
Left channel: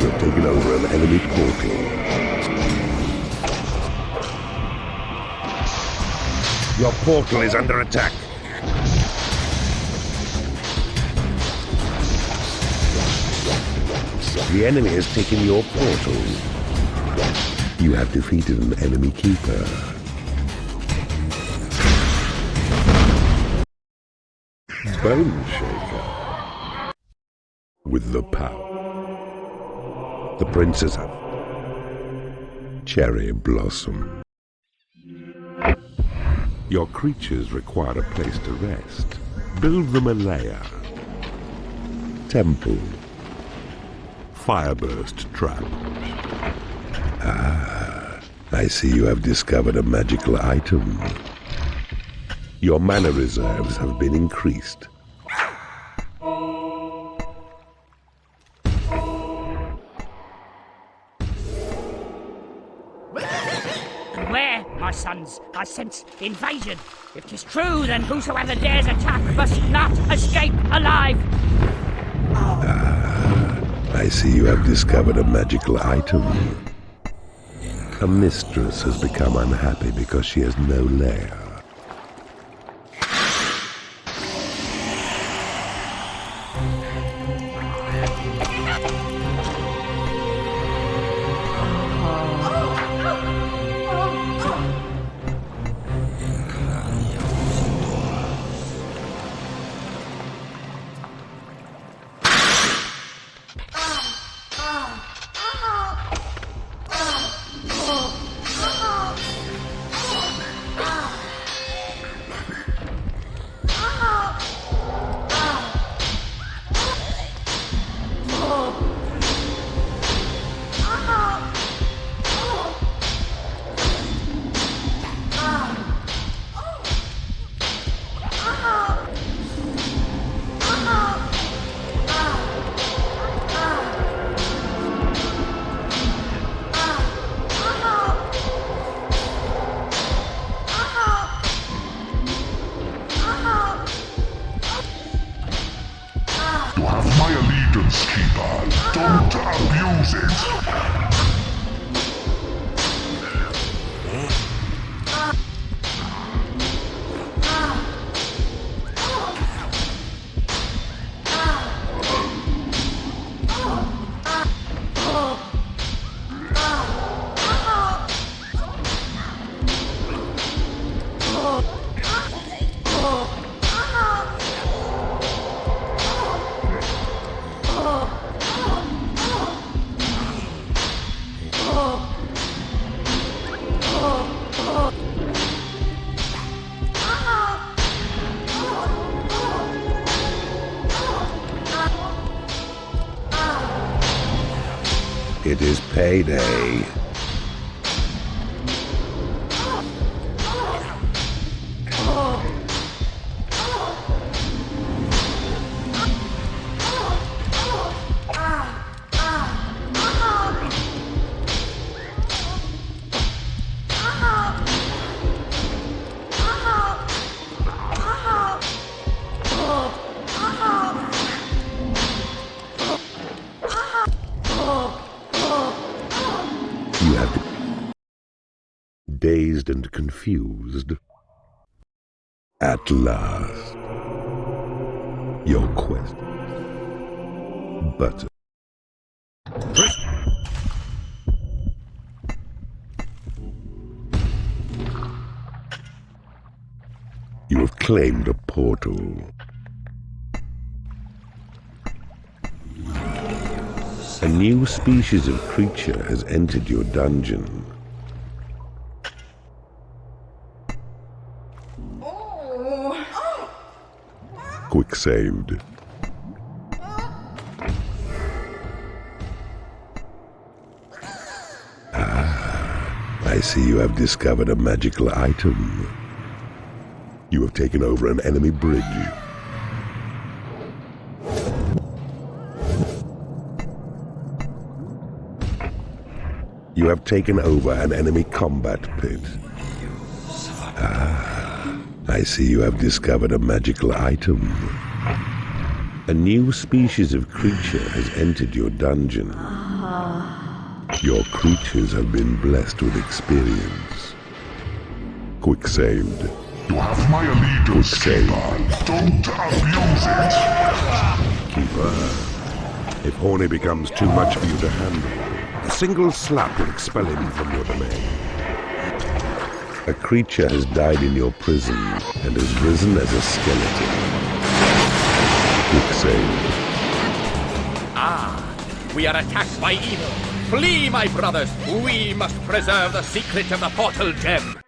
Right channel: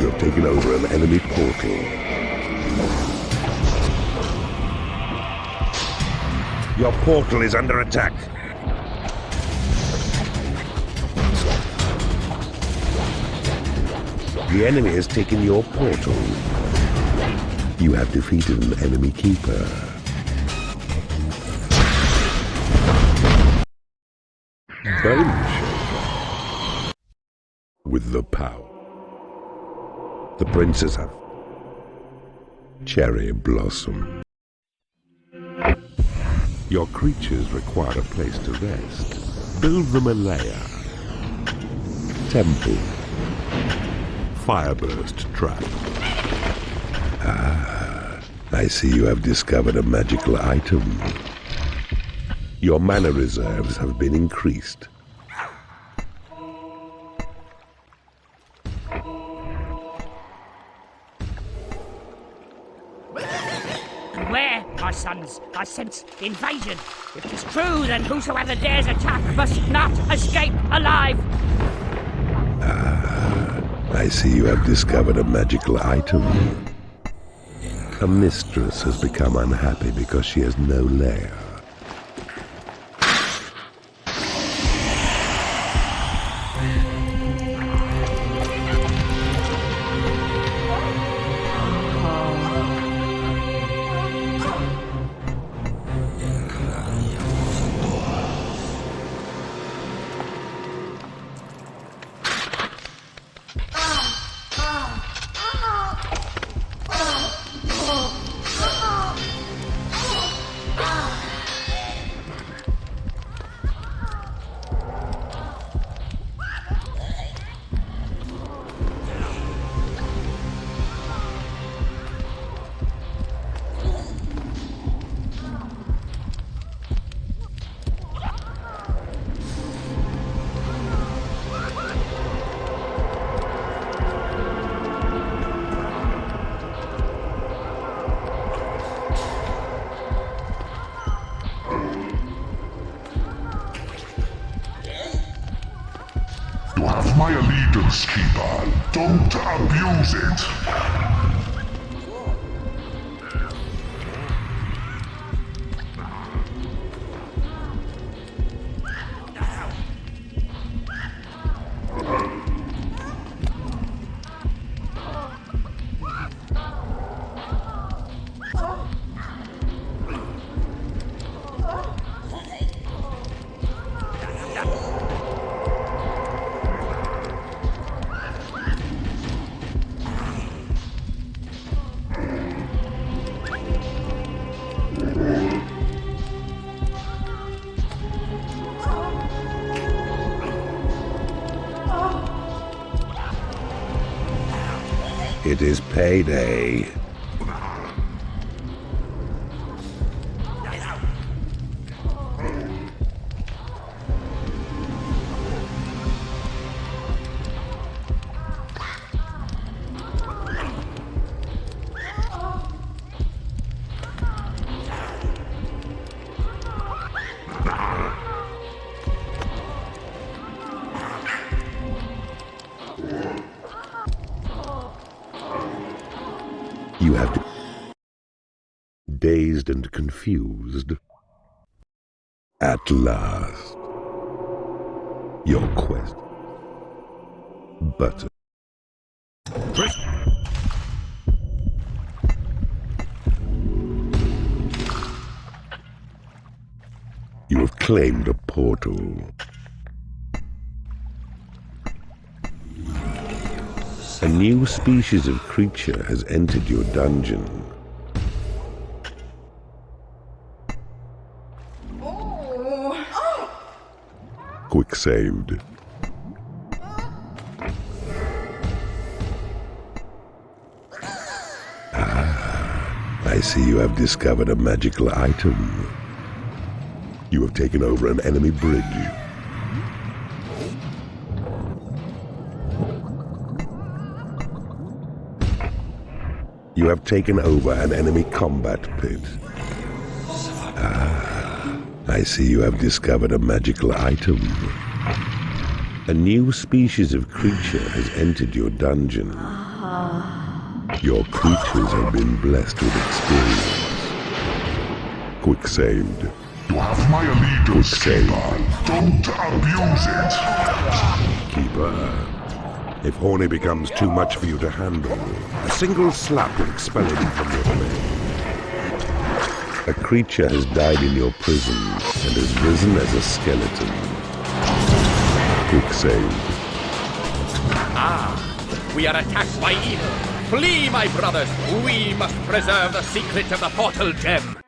You've taken over an enemy portal. Your portal is under attack. The enemy has taken your portal. You have defeated an enemy keeper. Bone Shaker. With the power. The princess have Cherry Blossom. Your creatures require a place to rest. Build them a lair. Temple. Fireburst trap. I see you have discovered a magical item. Your mana reserves have been increased. Beware, my sons, I sense invasion. If 'tis true, then whosoever dares attack must not escape alive. I see you have discovered a magical item. A mistress has become unhappy because she has no lair. Don't abuse it. It is payday. You have to... Dazed and confused. At last. Your quest. Butter. You have claimed a portal. A new species of creature has entered your dungeon. Quick saved. I see you have discovered a magical item. You have taken over an enemy bridge. You have taken over an enemy combat pit. I see you have discovered a magical item. A new species of creature has entered your dungeon. Your creatures have been blessed with experience. Quick saved. You have my allegiance, Keeper. Don't abuse it. Keeper, if Horny becomes too much for you to handle, a single slap will expel him from your domain. A creature has died in your prison and has risen as a skeleton. Quick save. We are attacked by evil. Flee, my brothers. We must preserve the secret of the portal gem.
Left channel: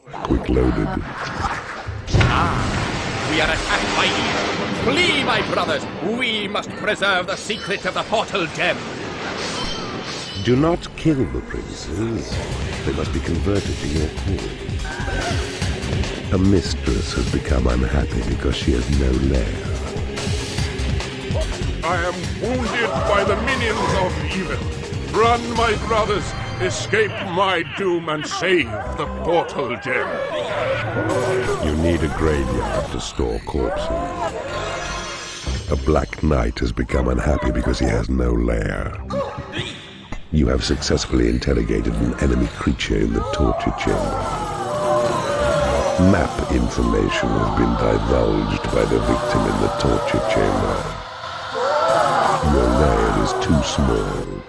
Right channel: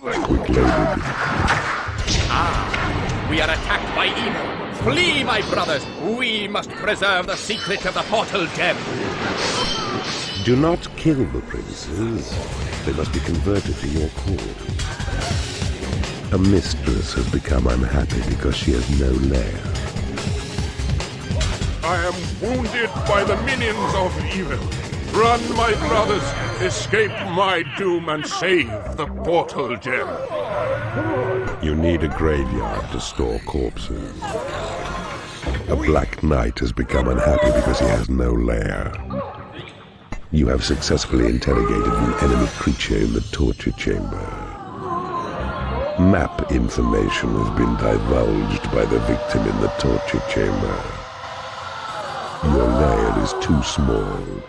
Quick loaded. We are attacked by evil. Flee, my brothers. We must preserve the secret of the portal gem. Do not kill the princes. They must be converted to your cause. A mistress has become unhappy because she has no lair. I am wounded by the minions of evil. Run, my brothers, escape my doom and save the portal gem. You need a graveyard to store corpses. A black knight has become unhappy because he has no lair. You have successfully interrogated an enemy creature in the torture chamber. Map information has been divulged by the victim in the torture chamber. Your lair is too small.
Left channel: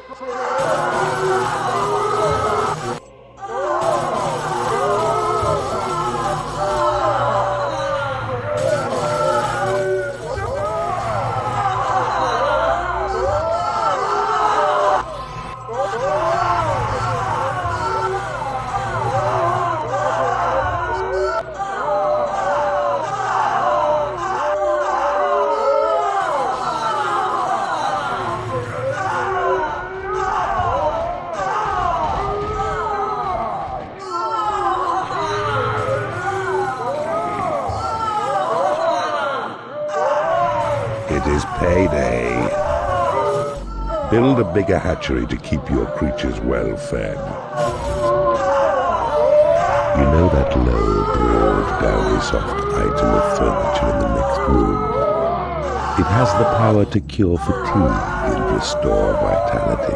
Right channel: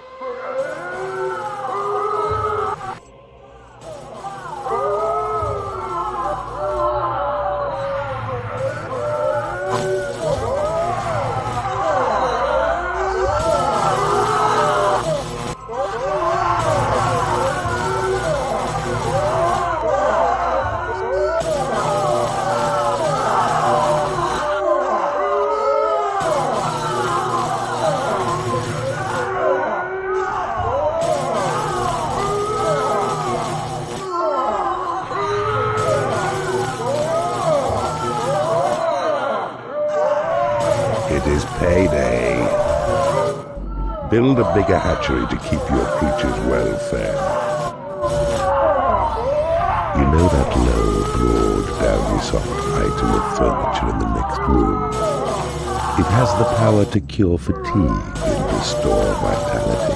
It is payday. Build a bigger hatchery to keep your creatures well fed. You know that low, broad, downy, soft item of furniture in the next room? It has the power to cure fatigue and restore vitality.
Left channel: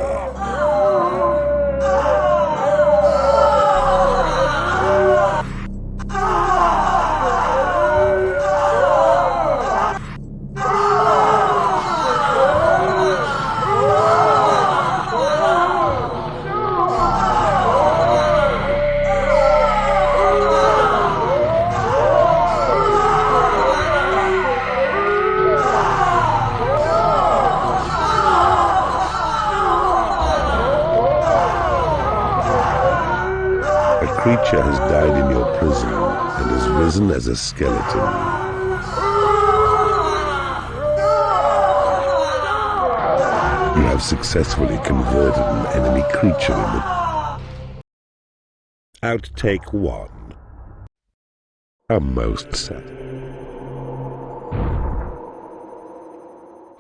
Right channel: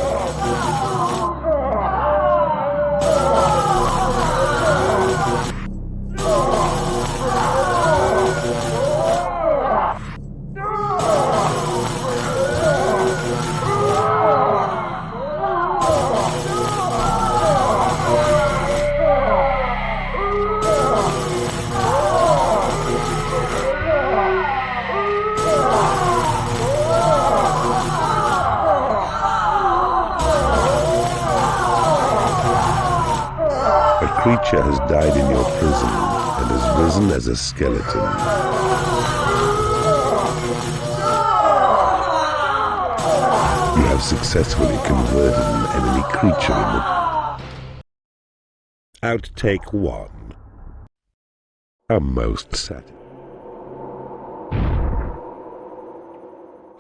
A creature has died in your prison and has risen as a skeleton. You have successfully converted an enemy creature in the... Outtake 1. A most sad.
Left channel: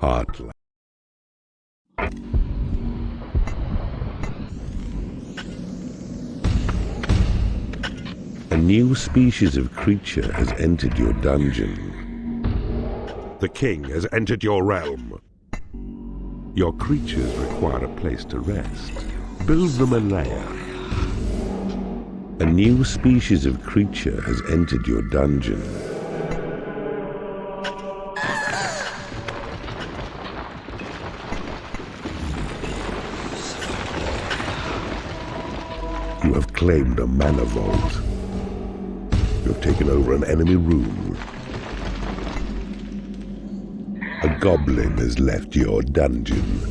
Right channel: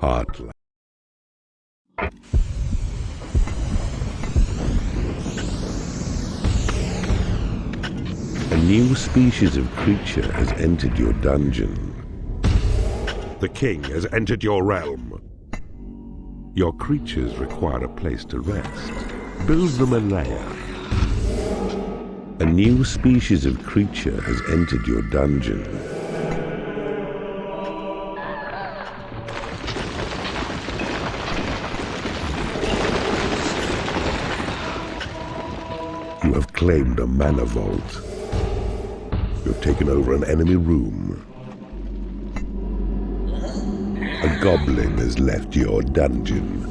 Heartland. A new species of creature has entered your dungeon. The king has entered your realm. Your creatures require a place to rest. Build them a lair. A new species of creature has entered your dungeon. You have claimed a mana vault. You have taken over an enemy room. A goblin has left your dungeon.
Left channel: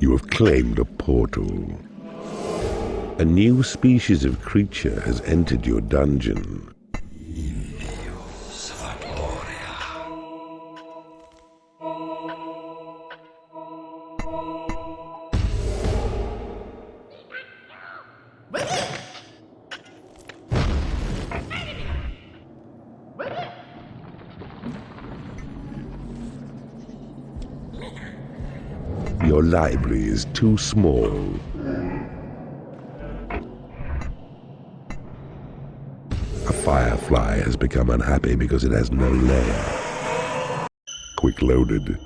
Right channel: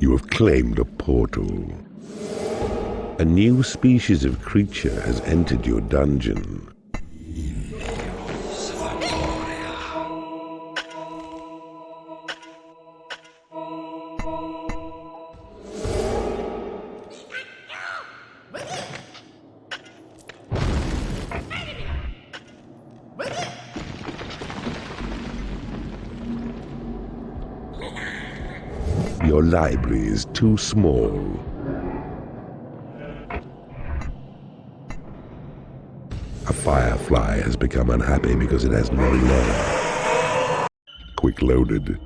You have claimed a portal. A new species of creature has entered your dungeon. Your library is too small. A firefly has become unhappy because it has no lair. Quick loaded.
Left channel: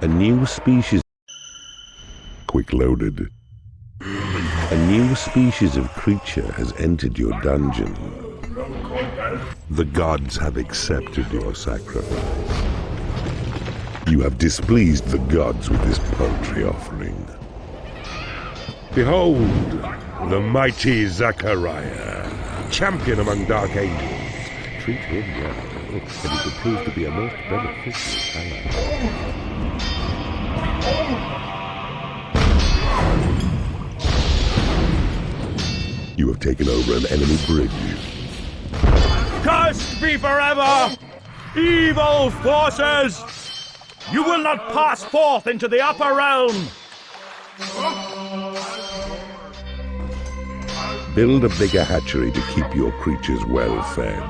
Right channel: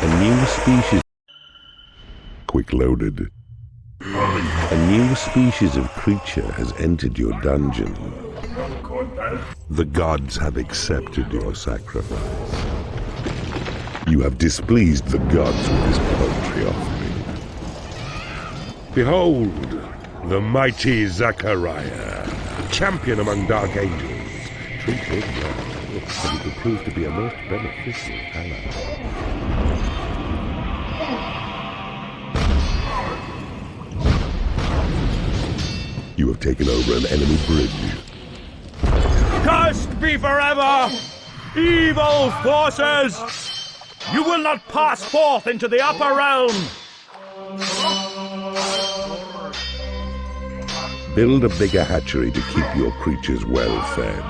A new species. Quick loaded. A new species of creature has entered your dungeon. The gods have accepted your sacrifice. You have displeased the gods with this paltry offering. Behold, the mighty Zachariah, champion among dark angels. Treat him well, and he could prove to be a most beneficial ally. You have taken over an enemy bridge. Cursed be forever, evil forces! You will not pass forth into the upper realm! Build a bigger hatchery to keep your creatures well fed.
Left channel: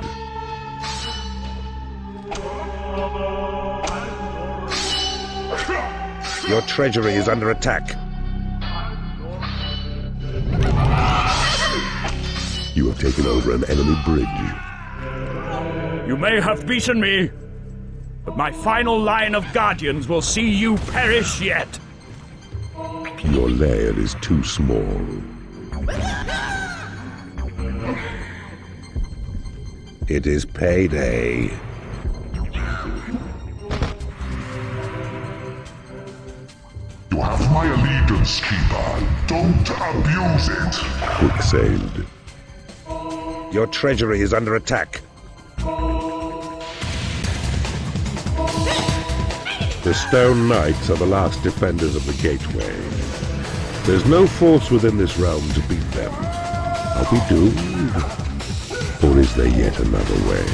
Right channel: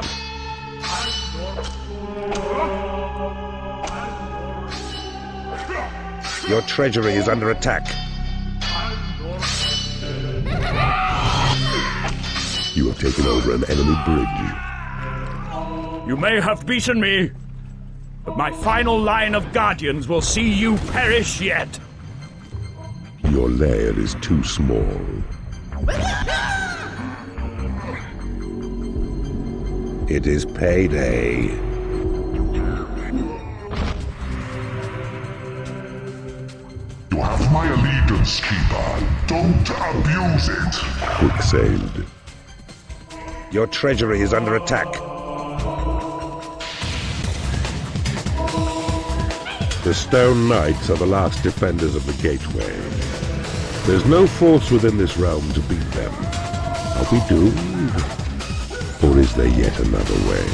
Your treasury is under attack. You have taken over an enemy bridge. You may have beaten me, but my final line of guardians will see you perish yet. Your lair is too small. It is payday. You have my allegiance, Keeper. Don't abuse it. Quick saved. Your treasury is under attack. The Stone Knights are the last defenders of the gateway. There's no force within this realm to beat them. Are we doomed? Or is there yet another way?